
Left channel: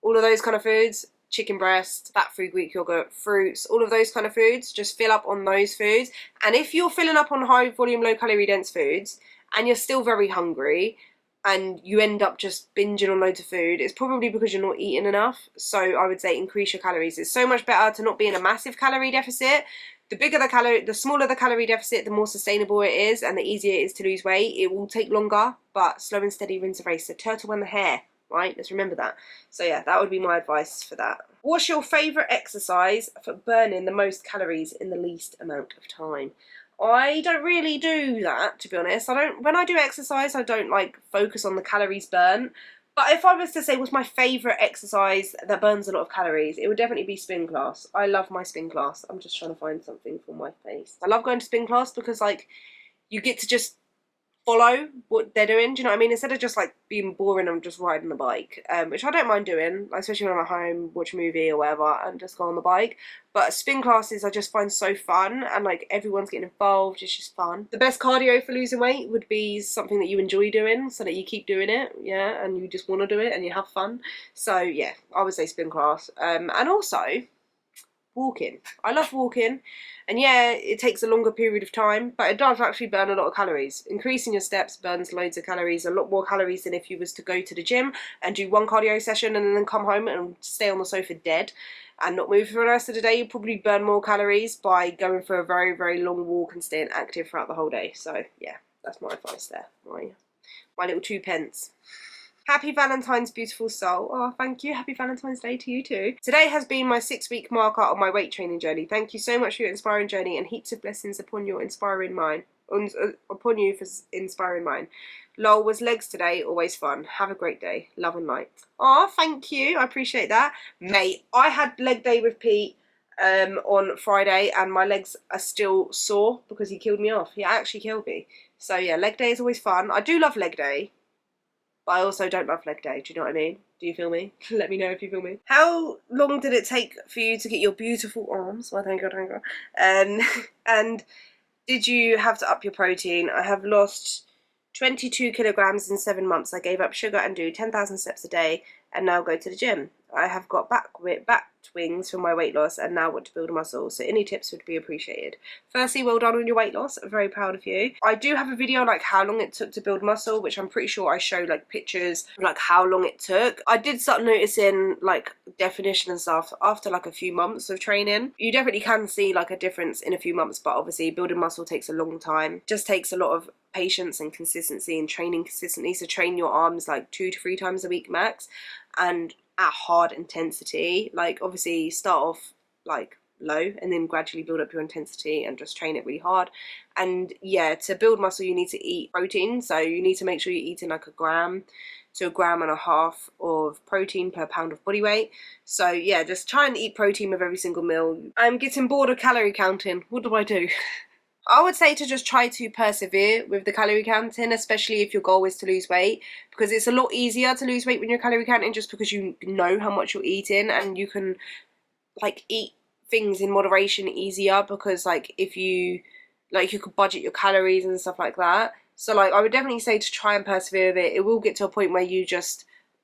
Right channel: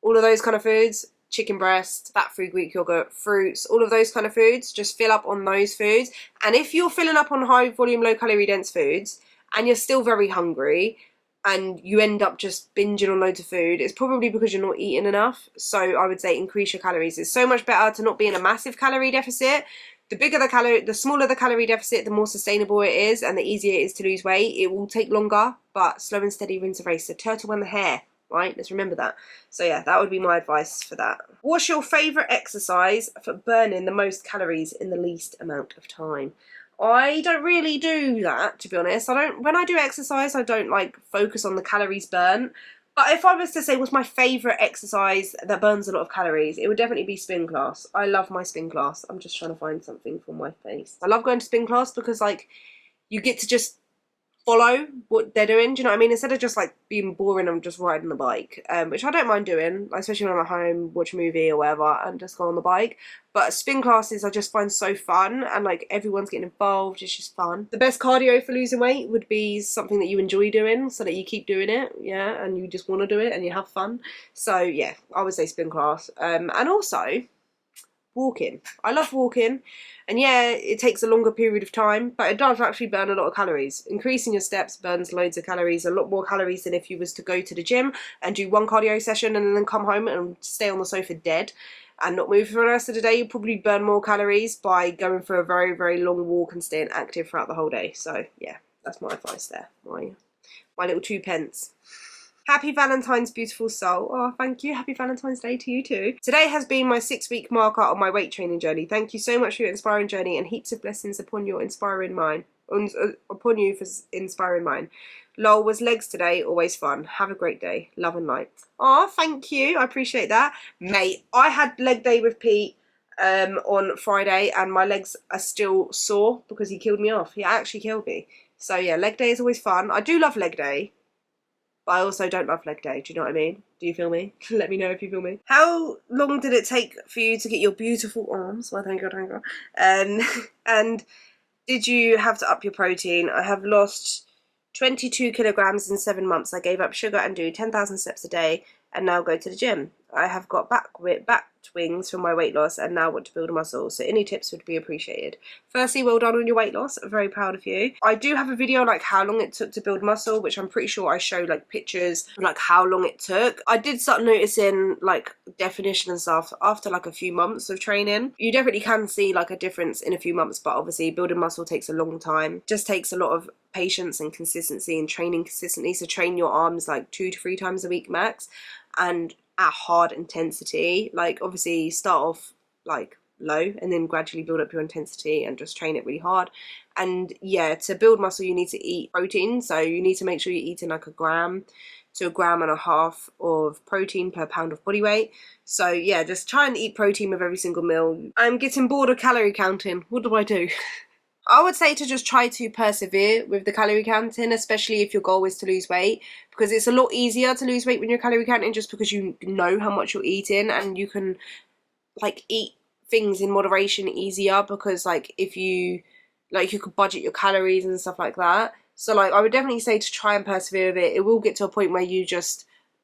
all of those kind of foods. Chicken breast, fat-free Greek yogurt, fruits, all of those kind of foods. Just fill up on those foods. And if you're filling up on high volume, low calorie dense foods and you're still very hungry and you end up just binging on loads of food, it's probably because you're not eating enough. So I would say increase your calories. It's so much better to not be in a massive calorie deficit, the smaller the calorie deficit, the more sustainable it is and the easier it is to lose weight. It will take longer, but slow and steady wins the race. The turtle and the hare, right? Let's remember that. So yeah, that would be my advice for that. What's your favourite exercise for burning the most calories in the least amount of time? I don't really do that, to be honest. When I do exercise, I don't like focus on the calories burnt. But if I was to say what's my favourite exercise that burns a lot of calories, it would definitely be spin class. I love my spin class. I'm just trying to find something for my face. I love going to spin class because, like, you get to just follow what they're doing. Do you know what I mean? Instead of just like being boring and just riding the bike, which I don't mind doing, like, especially when I'm at home, watch a movie or whatever, and just go on the bike. But spin classes I just find so fun, and like everyone's getting involved. It's just fun. The best cardio for losing weight would be something that you enjoy doing, so that you keep doing it, yeah, and you just want to do it and you have fun. So yeah, I would say spin class, and also walking. I love walking, and yeah, it takes a longer period of time, but it does actually burn a lot of calories. Increasing your steps burns loads of calories, a lot more calories than if you was to go to the gym and do one cardio session and then come home and stay on the sofa dead and not move for the rest of the day. You probably burn more calories by going for a very, very long walk and staying active throughout the whole day. So yeah, that's my advice there. My little 2 pence. Happy Valentine's, beautiful soul. Oh, thank you. Happy Valentine's Day to you too. Today has been my 6-week marker on my weight training journey. Thank you so much for your inspiring journey, and heaps of blessings upon your inspiring mind. Upon you for inspiring mine. Lol, was legs today. Always fun. Have a great day. Love and light. Oh, thank you. I appreciate that. Mate, I had leg day with Pete on Friday, and my legs are still sore because he killed me off. He actually killed me. So yeah, leg day is always fun. I do love leg day, but I also don't love leg day. Do you know what I mean? Do you feel me? Let me know if you feel me. How long did it take for you to get your beautiful arms? Well, thank you. And did you have to up your protein? I have lost 22 kilograms in 7 months. I gave up sugar and do 10,000 steps a day and now go to the gym. I have got back wings from my weight loss and now want to build a muscle. So any tips would be appreciated. Firstly, well done on your weight loss. I'm very proud of you. I do have a video like how long it took to build muscle, which I'm pretty sure I show like pictures of like how long it took. I did start noticing like definition and stuff after like a few months of training. You definitely can see like a difference in a few months, but obviously building muscle takes a long time. Just takes a lot of patience and consistency and training consistently. So train your arms like 2 to 3 times a week max, and at hard intensity. Like obviously start off like low and then gradually build up your intensity and just train it really hard. And yeah, to build muscle you need to eat protein, so you need to make sure you're eating like 1 gram to 1.5 grams of protein per pound of body weight. So yeah, just try and eat protein with every single meal. I'm getting bored of calorie counting. What do I do? I would say to just try to persevere with the calorie counting, especially if your goal is to lose weight, because it's a lot easier to lose weight when you're calorie counting just because you know how much you're eating, and you can like eat things in moderation easier, because like if you could budget your calories and stuff like that. So like I would definitely say to try and persevere with it. It will get to a point where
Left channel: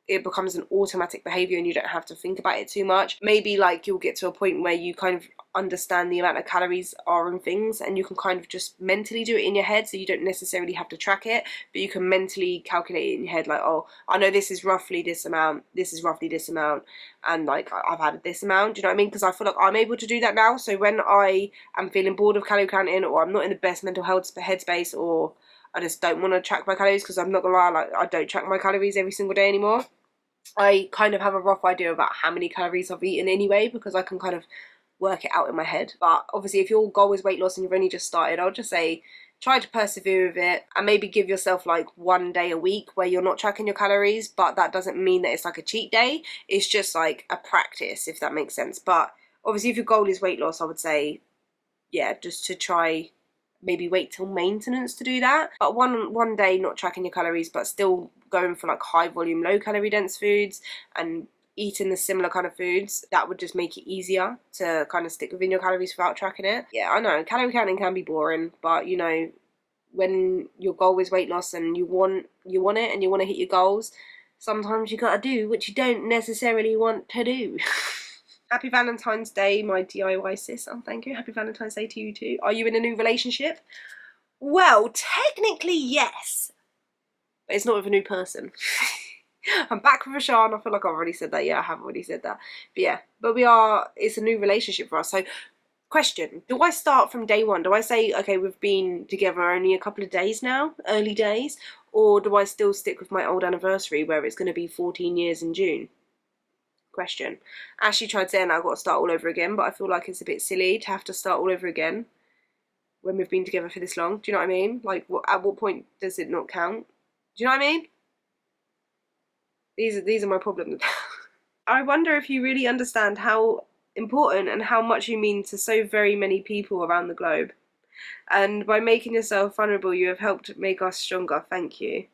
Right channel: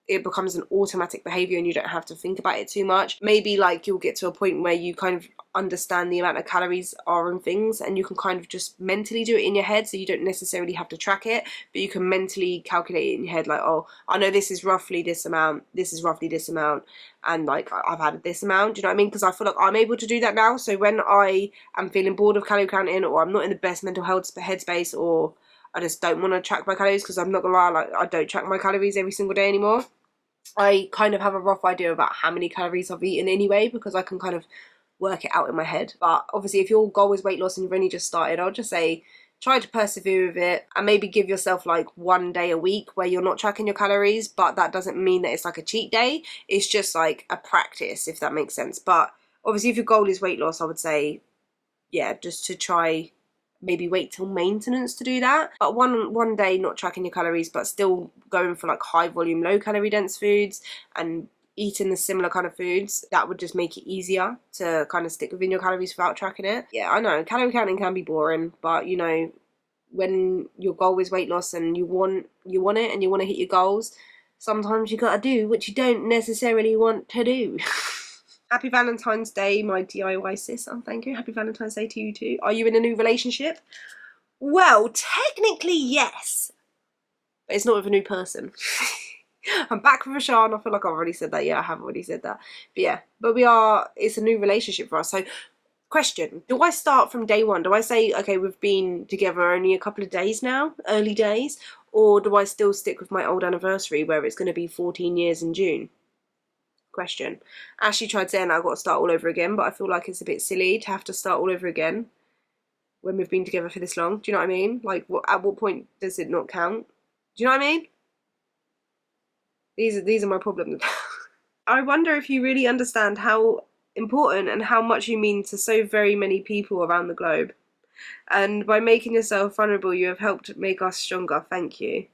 it becomes an automatic behavior and you don't have to think about it too much. Maybe like you'll get to a point where you kind of understand the amount of calories are in things, and you can kind of just mentally do it in your head, so you don't necessarily have to track it, but you can mentally calculate it in your head, like, oh, I know this is roughly this amount, this is roughly this amount, and like I've added this amount. Do you know what I mean? Because I feel like I'm able to do that now. So when I am feeling bored of calorie counting, or I'm not in the best mental health headspace, or I just don't want to track my calories, because I'm not gonna lie, like I don't track my calories every single day anymore. I kind of have a rough idea about how many calories I've eaten anyway, because I can kind of work it out in my head. But obviously if your goal is weight loss and you've only just started, I'll just say try to persevere with it, and maybe give yourself like 1 day a week where you're not tracking your calories. But that doesn't mean that it's like a cheat day, it's just like a practice, if that makes sense. But obviously if your goal is weight loss, I would say yeah, just to try maybe wait till maintenance to do that. But one day not tracking your calories, but still going for like high volume, low calorie dense foods and eating the similar kind of foods, that would just make it easier to kind of stick within your calories without tracking it. Yeah, I know calorie counting can be boring, but you know, when your goal is weight loss and you want it and you want to hit your goals, sometimes you gotta do what you don't necessarily want to do. Happy Valentine's Day, my DIY sis. Oh, thank you. Happy Valentine's Day to you too. Are you in a new relationship? Well, technically yes, but it's not with a new person. I'm back with Rashan. I feel like I've already said that. Yeah, I have already said that. But yeah, it's a new relationship for us. So Question, do I start from day one? Do I say, okay, we've been together only a couple of days now, early days, or do I still stick with my old anniversary where it's going to be 14 years in June? Question. Ashley tried saying I've got to start all over again, but I feel like it's a bit silly to have to start all over again when we've been together for this long. Do you know what I mean? Like, at what point does it not count? Do you know what I mean? These are my problems. I wonder if you really understand how important and how much you mean to so very many people around the globe. And by making yourself vulnerable, you have helped make us stronger. Thank you.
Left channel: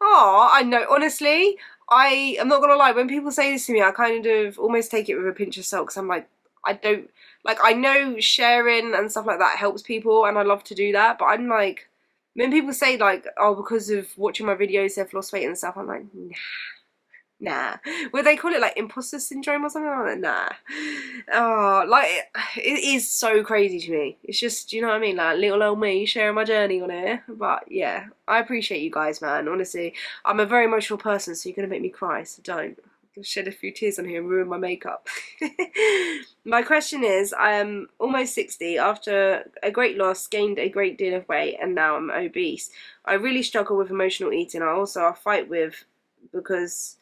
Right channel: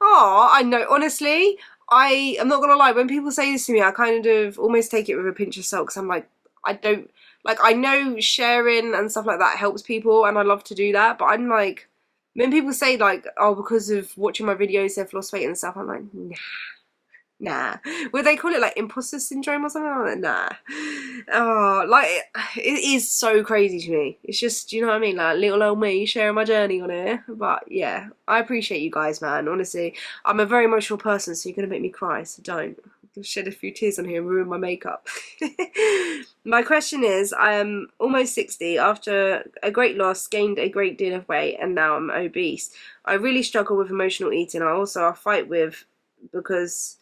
Oh, I know. Honestly, I am not gonna lie. When people say this to me, I kind of almost take it with a pinch of salt, because I'm like, I don't like. I know sharing and stuff like that helps people, and I love to do that. But I'm like, when people say like, oh, because of watching my videos, they've lost weight and stuff, I'm like, nah. Would they call it like imposter syndrome or something? I'm like, nah. Oh, like, it is so crazy to me. It's just, you know what I mean? Like, little old me sharing my journey on here. But yeah, I appreciate you guys, man. Honestly, I'm a very emotional person, so you're gonna make me cry, so don't. I'll shed a few tears on here and ruin my makeup. My question is, I am almost 60, after a great loss, gained a great deal of weight, and now I'm obese. I really struggle with emotional eating. I fight with, because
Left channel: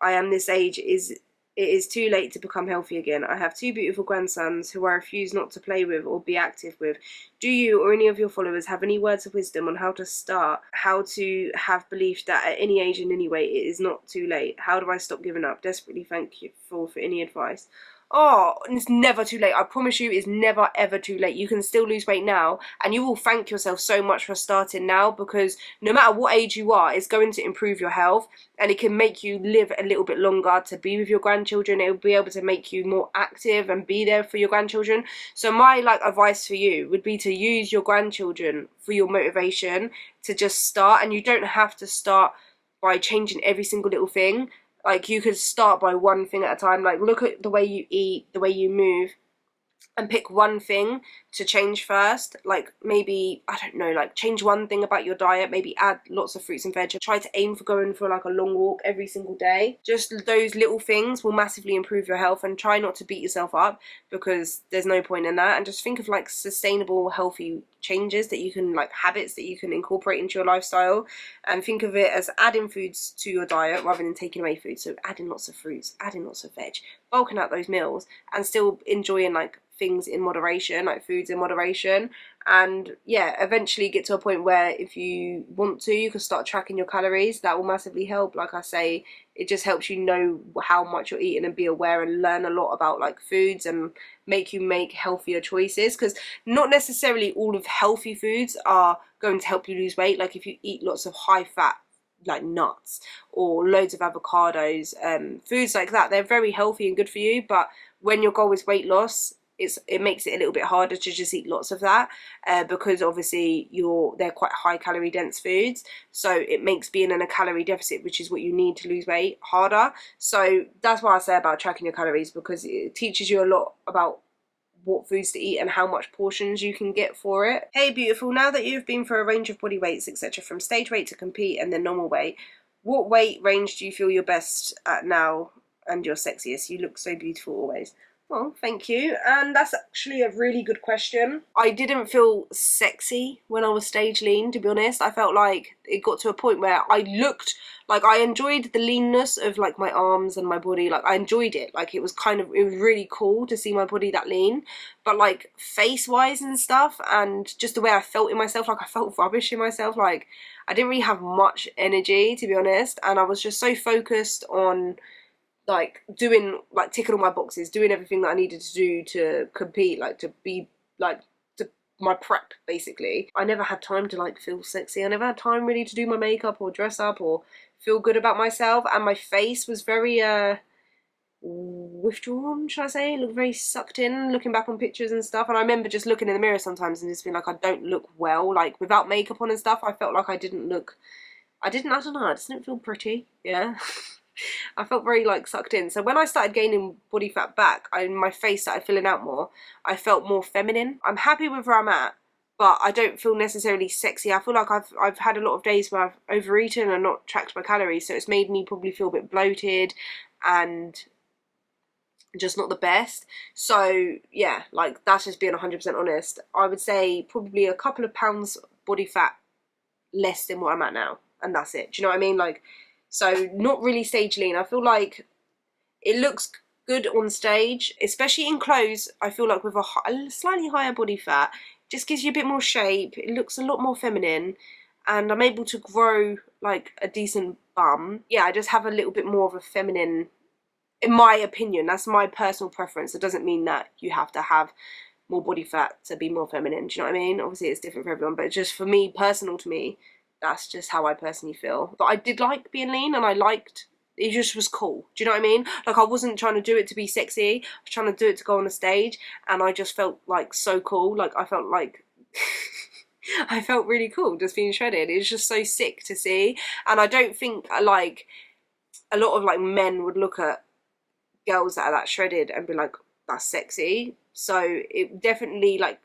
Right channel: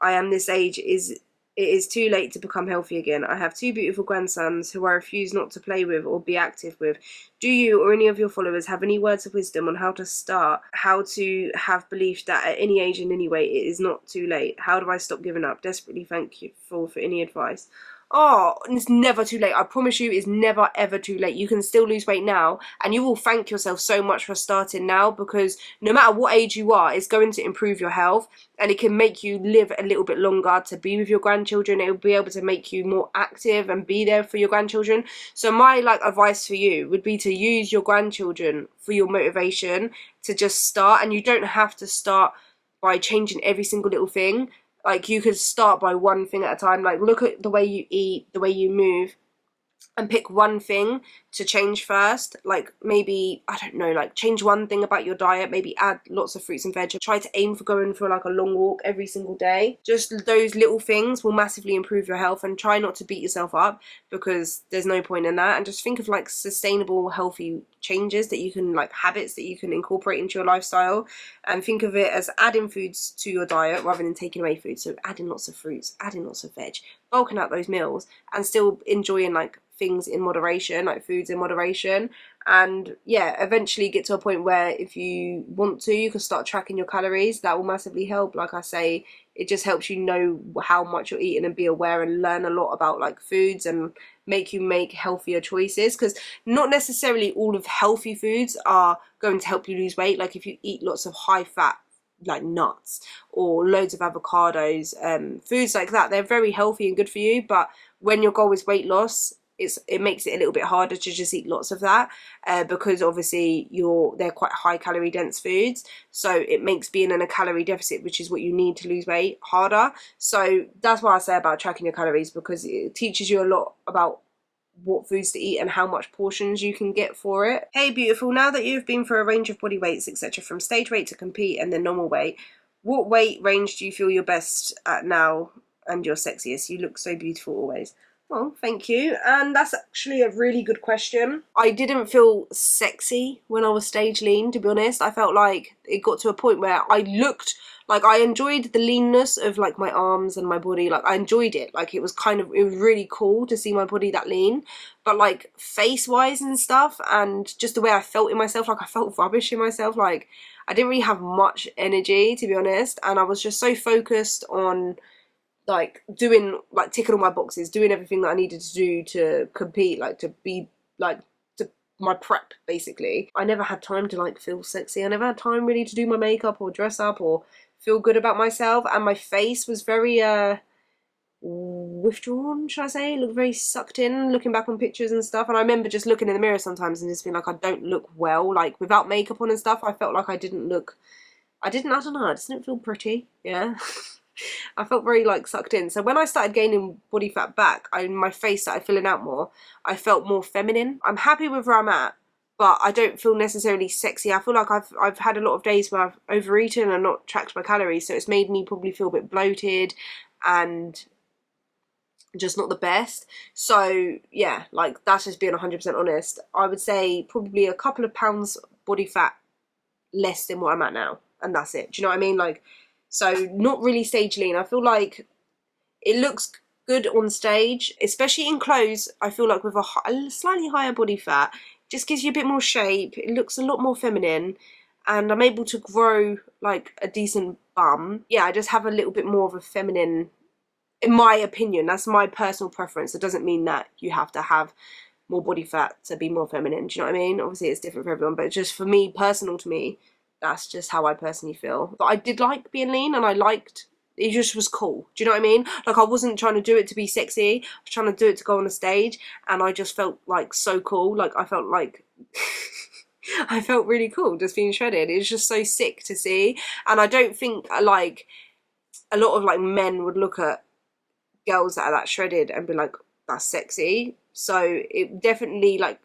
I am this age, it is too late to become healthy again. I have two beautiful grandsons who I refuse not to play with or be active with. Do you or any of your followers have any words of wisdom on how to start, how to have belief that at any age and any weight it is not too late? How do I stop giving up? Desperately thank you for any advice. Oh, it's never too late. I promise you, it's never ever too late. You can still lose weight now, and you will thank yourself so much for starting now, because no matter what age you are, it's going to improve your health, and it can make you live a little bit longer to be with your grandchildren. It will be able to make you more active and be there for your grandchildren. So my advice for you would be to use your grandchildren for your motivation to just start, and you don't have to start by changing every single little thing. Like, you could start by one thing at a time. Like, look at the way you eat, the way you move, and pick one thing to change first. Like, maybe, I don't know, like, change one thing about your diet. Maybe add lots of fruits and veg. Try to aim for going for like a long walk every single day. Just those little things will massively improve your health, and try not to beat yourself up, because there's no point in that. And just think of like sustainable, healthy changes that you can, like habits that you can incorporate into your lifestyle, and think of it as adding foods to your diet rather than taking away food. So adding lots of fruits, adding lots of veg, bulking out those meals, and still enjoying like things in moderation, like foods in moderation. And yeah, eventually get to a point where if you want to, you can start tracking your calories. That will massively help. Like I say, it just helps you know how much you're eating and be aware and learn a lot about like foods, and make you make healthier choices, because not necessarily all of healthy foods are going to help you lose weight. Like, if you eat lots of high fat like nuts or loads of avocados, foods like that, they're very healthy and good for you. But when your goal is weight loss, it makes it a little bit harder to just eat lots of that, because obviously they're quite high calorie dense foods, so it makes being in a calorie deficit, which is what you need to lose weight, harder. So that's what I say about tracking your calories, because it teaches you a lot about what foods to eat and how much portions you can get for it. Hey beautiful, now that you've been for a range of body weights, etc., from stage weight to compete and then normal weight, what weight range do you feel you're best at now and you're sexiest? You look so beautiful always. Well, thank you. And that's actually a really good question. I didn't feel sexy when I was stage lean, to be honest. I felt like it got to a point where I looked like, I enjoyed the leanness of like my arms and my body. Like, I enjoyed it. Like, it was really cool to see my body that lean. But like face wise and stuff, and just the way I felt in myself, like I felt rubbish in myself. Like, I didn't really have much energy, to be honest. And I was just so focused on like doing, like ticking all my boxes, doing everything that I needed to do to compete, like to be like my prep basically. I never had time to like feel sexy. I never had time really to do my makeup or dress up or feel good about myself. And my face was very withdrawn, should I say? It looked very sucked in, looking back on pictures and stuff. And I remember just looking in the mirror sometimes and just being like, I don't look well. Like, without makeup on and stuff, I felt like I don't know, I just didn't feel pretty. Yeah. I felt very like sucked in. So when I started gaining body fat back, my face started filling out more. I felt more feminine. I'm happy with where I'm at, but I don't feel necessarily sexy. I feel like I've had a lot of days where I've overeaten and not tracked my calories, so it's made me probably feel a bit bloated, and just not the best. So yeah, like that's just being 100% honest. I would say probably a couple of pounds body fat less than what I'm at now, and that's it. Do you know what I mean? Like, so not really stage lean. I feel like it looks good on stage, especially in clothes. I feel like with a slightly higher body fat, just gives you a bit more shape. It looks a lot more feminine, and I'm able to grow like a decent bum. Yeah, I just have a little bit more of a feminine, in my opinion. That's my personal preference. It doesn't mean that you have to have more body fat to be more feminine. Do you know what I mean? Obviously it's different for everyone, but just for me, personal to me, that's just how I personally feel. But I did like being lean, and I liked, it just was cool. Do you know what I mean? Like, I wasn't trying to do it to be sexy. I was trying to do it to go on a stage, and I just felt like so cool. Like, I felt like I felt really cool just being shredded. It was just so sick to see. And I don't think like a lot of like men would look at girls that are that shredded and be like, that's sexy. So it definitely, like,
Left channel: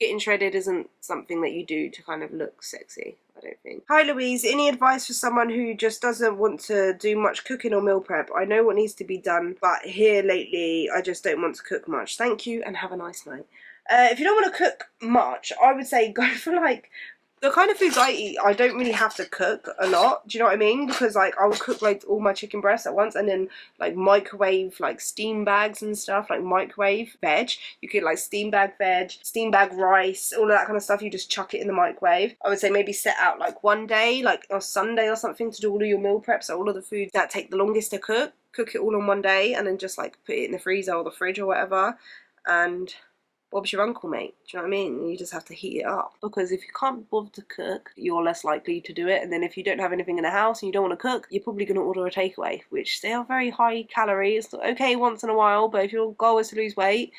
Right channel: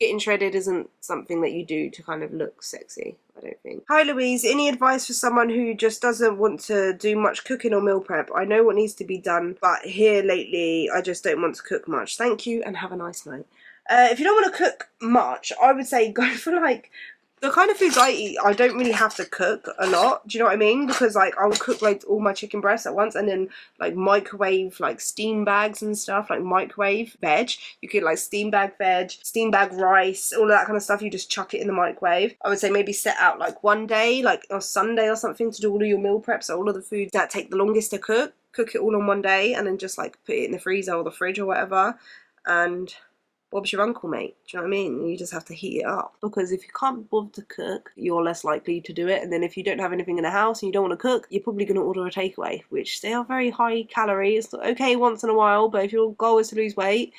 getting shredded isn't something that you do to kind of look sexy, I don't think. Hi Louise, any advice for someone who just doesn't want to do much cooking or meal prep? I know what needs to be done, but here lately I just don't want to cook much. Thank you and have a nice night. If you don't want to cook much, I would say go for like the kind of foods I eat. I don't really have to cook a lot. Do you know what I mean? Because like I'll cook like all my chicken breasts at once, and then like microwave like steam bags and stuff, like microwave veg. You could like steam bag veg, steam bag rice, all of that kind of stuff. You just chuck it in the microwave. I would say maybe set out like one day, like a Sunday or something, to do all of your meal prep. So all of the foods that take the longest to cook it all on one day, and then just like put it in the freezer or the fridge or whatever. And Bob's your uncle, mate. Do you know what I mean? You just have to heat it up. Because if you can't bother to cook, you're less likely to do it. And then if you don't have anything in the house and you don't want to cook, you're probably going to order a takeaway, which they are very high calorie. It's okay once in a while, but if your goal is to lose weight,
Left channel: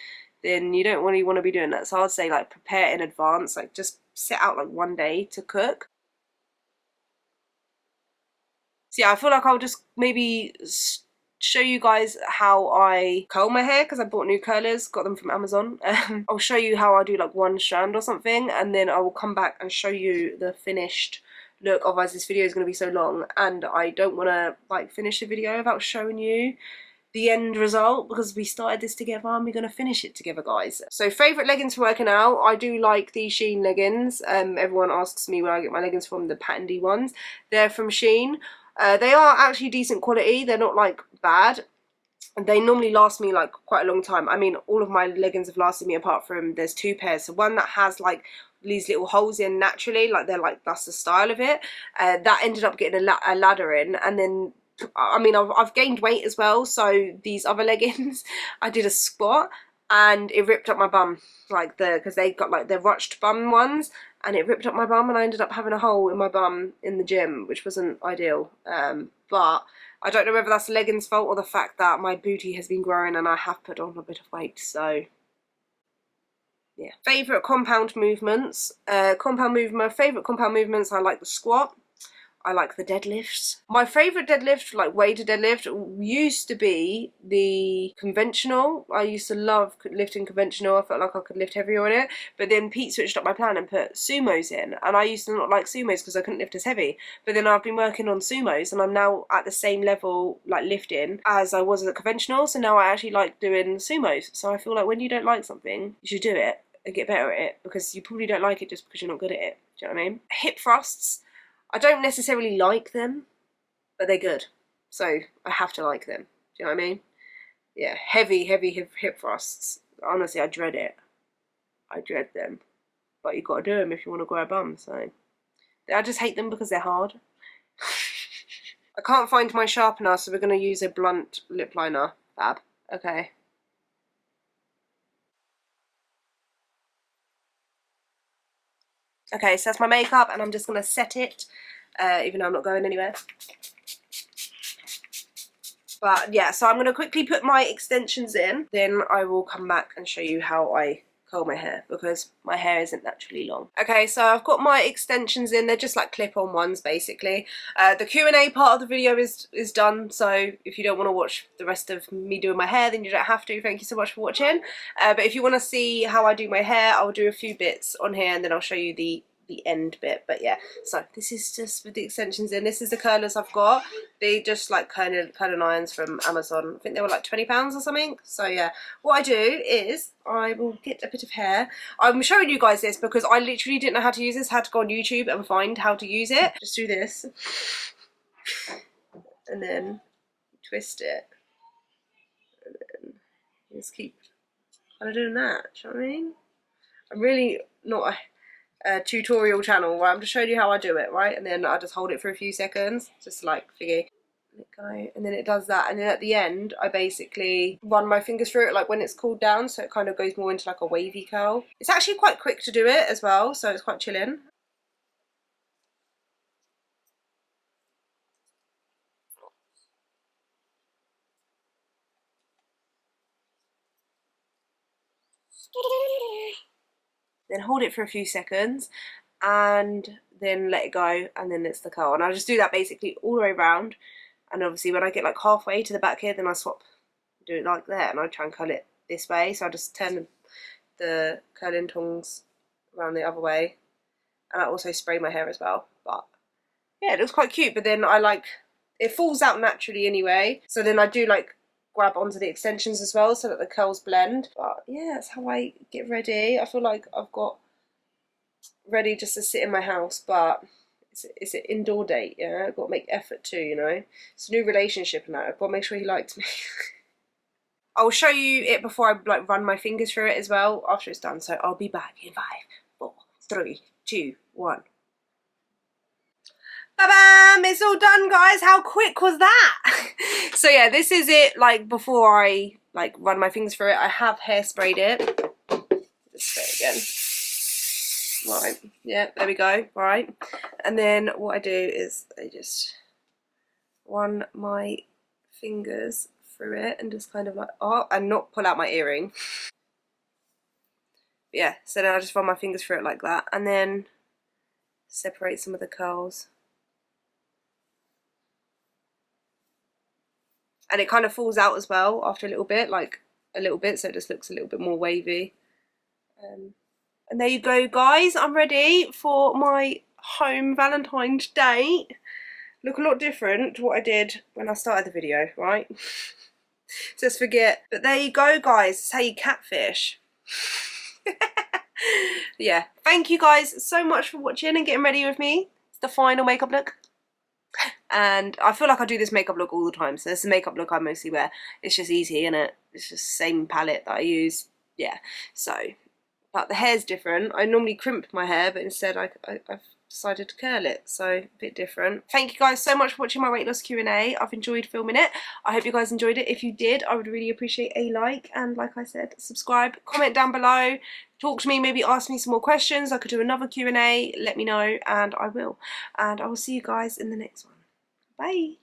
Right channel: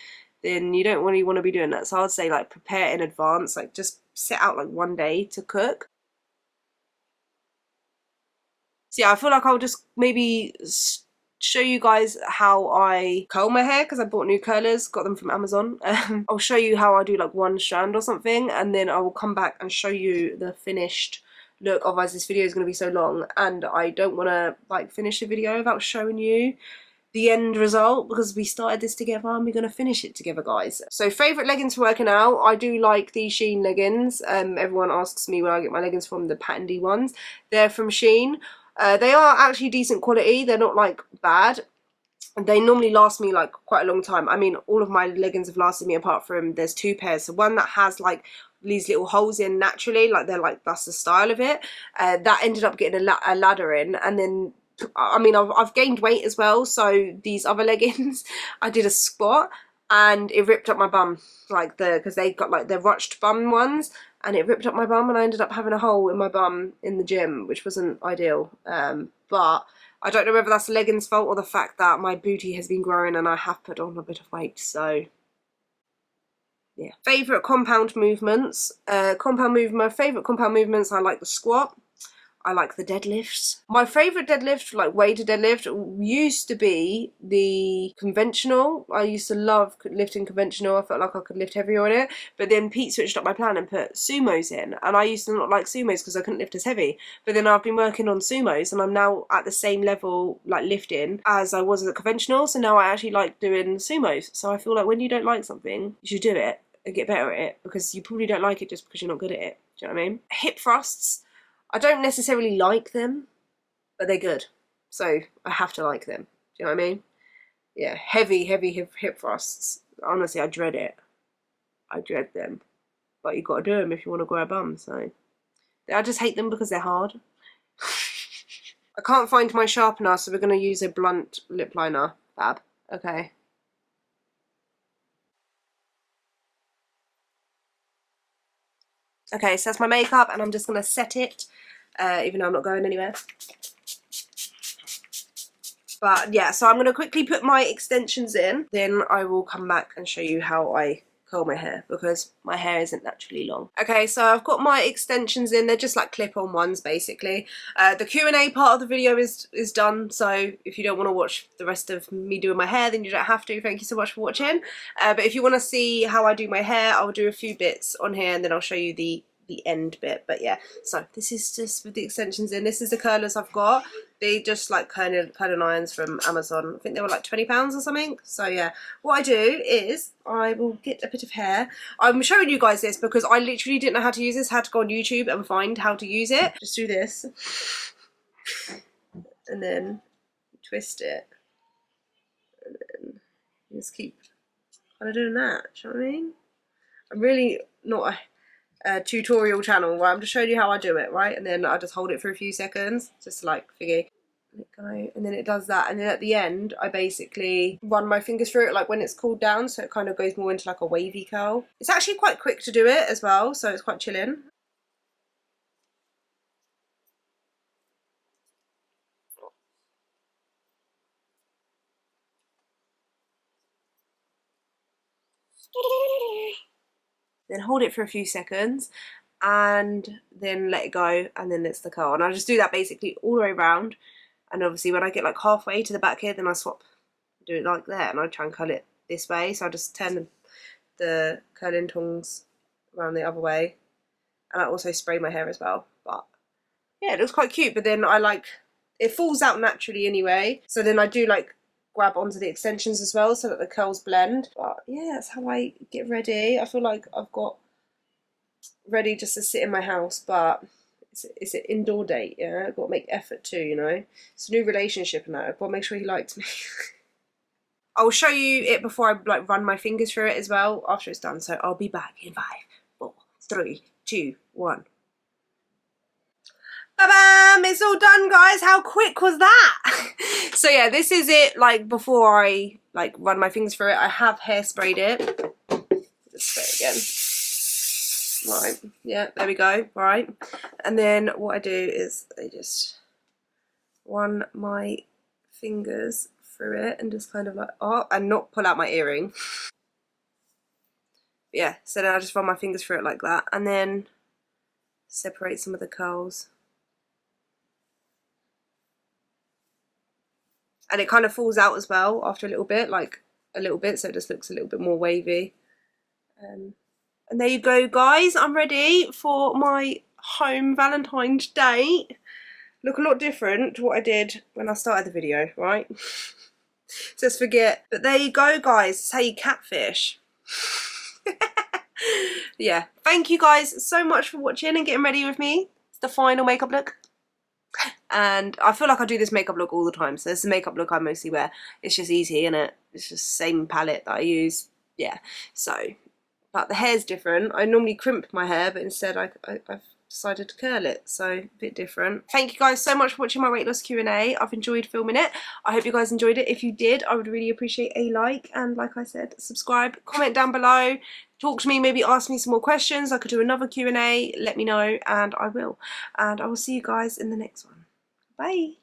then you don't really want to be doing that. So I'd say like prepare in advance. Like just set out like one day to cook. So yeah, I feel like I'll just maybe show you guys how I curl my hair, because I bought new curlers, got them from Amazon. I'll show you how I do like one strand or something, and then I will come back and show you the finished look. Otherwise this video is going to be so long, and I don't want to like finish the video without showing you the end result, because we started this together and we're going to finish it together, guys. So favourite leggings for working out, I do like these Shein leggings. Everyone asks me where I get my leggings from, the patenty ones. They're from Shein. They are actually decent quality. They're not like bad. They normally last me like quite a long time. I mean, all of my leggings have lasted me, apart from there's two pairs. So one that has like these little holes in naturally, like they're like, that's the style of it. That ended up getting a ladder in, and then I mean I've gained weight as well. So these other leggings, I did a squat and it ripped up my bum, like because they got like the ruched bum ones, and it ripped up my bum, and I ended up having a hole in my bum in the gym, which wasn't ideal. But I don't know whether that's the leggings fault or the fact that my booty has been growing and I have put on a bit of weight. So yeah. Favourite compound movements. Favourite compound movements, I like the squat. I like the deadlifts. My favourite deadlift, like weighted deadlift, used to be the conventional. I used to love lifting conventional. I felt like I could lift heavier on it. But then Pete switched up my plan and put sumos in. And I used to not like sumos because I couldn't lift as heavy. But then I've been working on sumos, and I'm now at the same level, like lifting, as I was at conventional. So now I actually like doing sumos. So I feel like when you don't like something, you should do it and get better at it, because you probably don't like it just because you're not good at it. Do you know what I mean? Hip thrusts. I don't necessarily like them, but they're good, so I have to like them. Do you know what I mean? Yeah, heavy hip thrusts. Honestly, I dread it. I dread them. But you got to do them if you want to grow a bum, so. I just hate them because they're hard. I can't find my sharpener, so we're going to use a blunt lip liner. Fab. Okay. Okay, so that's my makeup, and I'm just going to set it, even though I'm not going anywhere. But yeah, so I'm going to quickly put my extensions in, then I will come back and show you how I curl my hair, because my hair isn't naturally long. Okay, so I've got my extensions in. They're just like clip-on ones, basically. The Q&A part of the video is done, so if you don't want to watch the rest of me doing my hair, then you don't have to. Thank you so much for watching. But if you want to see how I do my hair, I'll do a few bits on here, and then I'll show you the the end bit. But yeah, so this is just with the extensions in. This is the curlers I've got. They just like curling irons from Amazon. I think they were like £20 or something. So yeah, what I do is I will get a bit of hair. I'm showing you guys this because I literally didn't know how to use this. I had to go on YouTube and find how to use it. Just do this and then twist it, and then just keep kind of doing that. Do you know what I mean? I'm really not a tutorial channel, right? I'm just showing you how I do it, right? And then I just hold it for a few seconds, just like thingy. Let it go, and then it does that, and then at the end I basically run my fingers through it like when it's cooled down, so it kind of goes more into like a wavy curl. It's actually quite quick to do it as well, so it's quite chilling. Then hold it for a few seconds and then let it go, and then it's the curl. And I just do that basically all the way around, and obviously when I get like halfway to the back here, then I swap, do it like that, and I try and curl it this way. So I just turn the curling tongs around the other way, and I also spray my hair as well. But yeah, it looks quite cute, but then I like, it falls out naturally anyway, so then I do like grab onto the extensions as well so that the curls blend. But yeah, that's how I get ready. I feel like I've got ready just to sit in my house, but it's an indoor date, yeah? I've got to make effort too, you know? It's a new relationship and that. I've got to make sure he likes me. I'll show you it before I like run my fingers through it as well after it's done. So I'll be back in 5, 4, 3, 2, 1. Ba-bam! It's all done, guys. How quick was that? So yeah, this is it like before I like run my fingers through it. I have hairsprayed it. Just spray it again. Right, yeah, there we go. Right, and then what I do is I just run my fingers through it and just kind of like, oh, and not pull out my earring. Yeah, so then I just run my fingers through it like that, and then separate some of the curls. And it kind of falls out as well after a little bit, like a little bit, so it just looks a little bit more wavy. And there you go, guys. I'm ready for my home Valentine's date. Look a lot different to what I did when I started the video, right? Just forget. But there you go, guys. It's how you catfish. Yeah. Thank you guys so much for watching and getting ready with me. It's the final makeup look. And I feel like I do this makeup look all the time, so this is the makeup look I mostly wear. It's just easy, innit? It's just the same palette that I use. Yeah. So, but the hair's different. I normally crimp my hair, but instead I've decided to curl it, so a bit different. Thank you guys so much for watching my weight loss Q&A. I've enjoyed filming it. I hope you guys enjoyed it. If you did, I would really appreciate a like, and like I said, subscribe, comment down below, talk to me, maybe ask me some more questions. I could do another Q&A, let me know, and I will. And I will see you guys in the next one. Bye.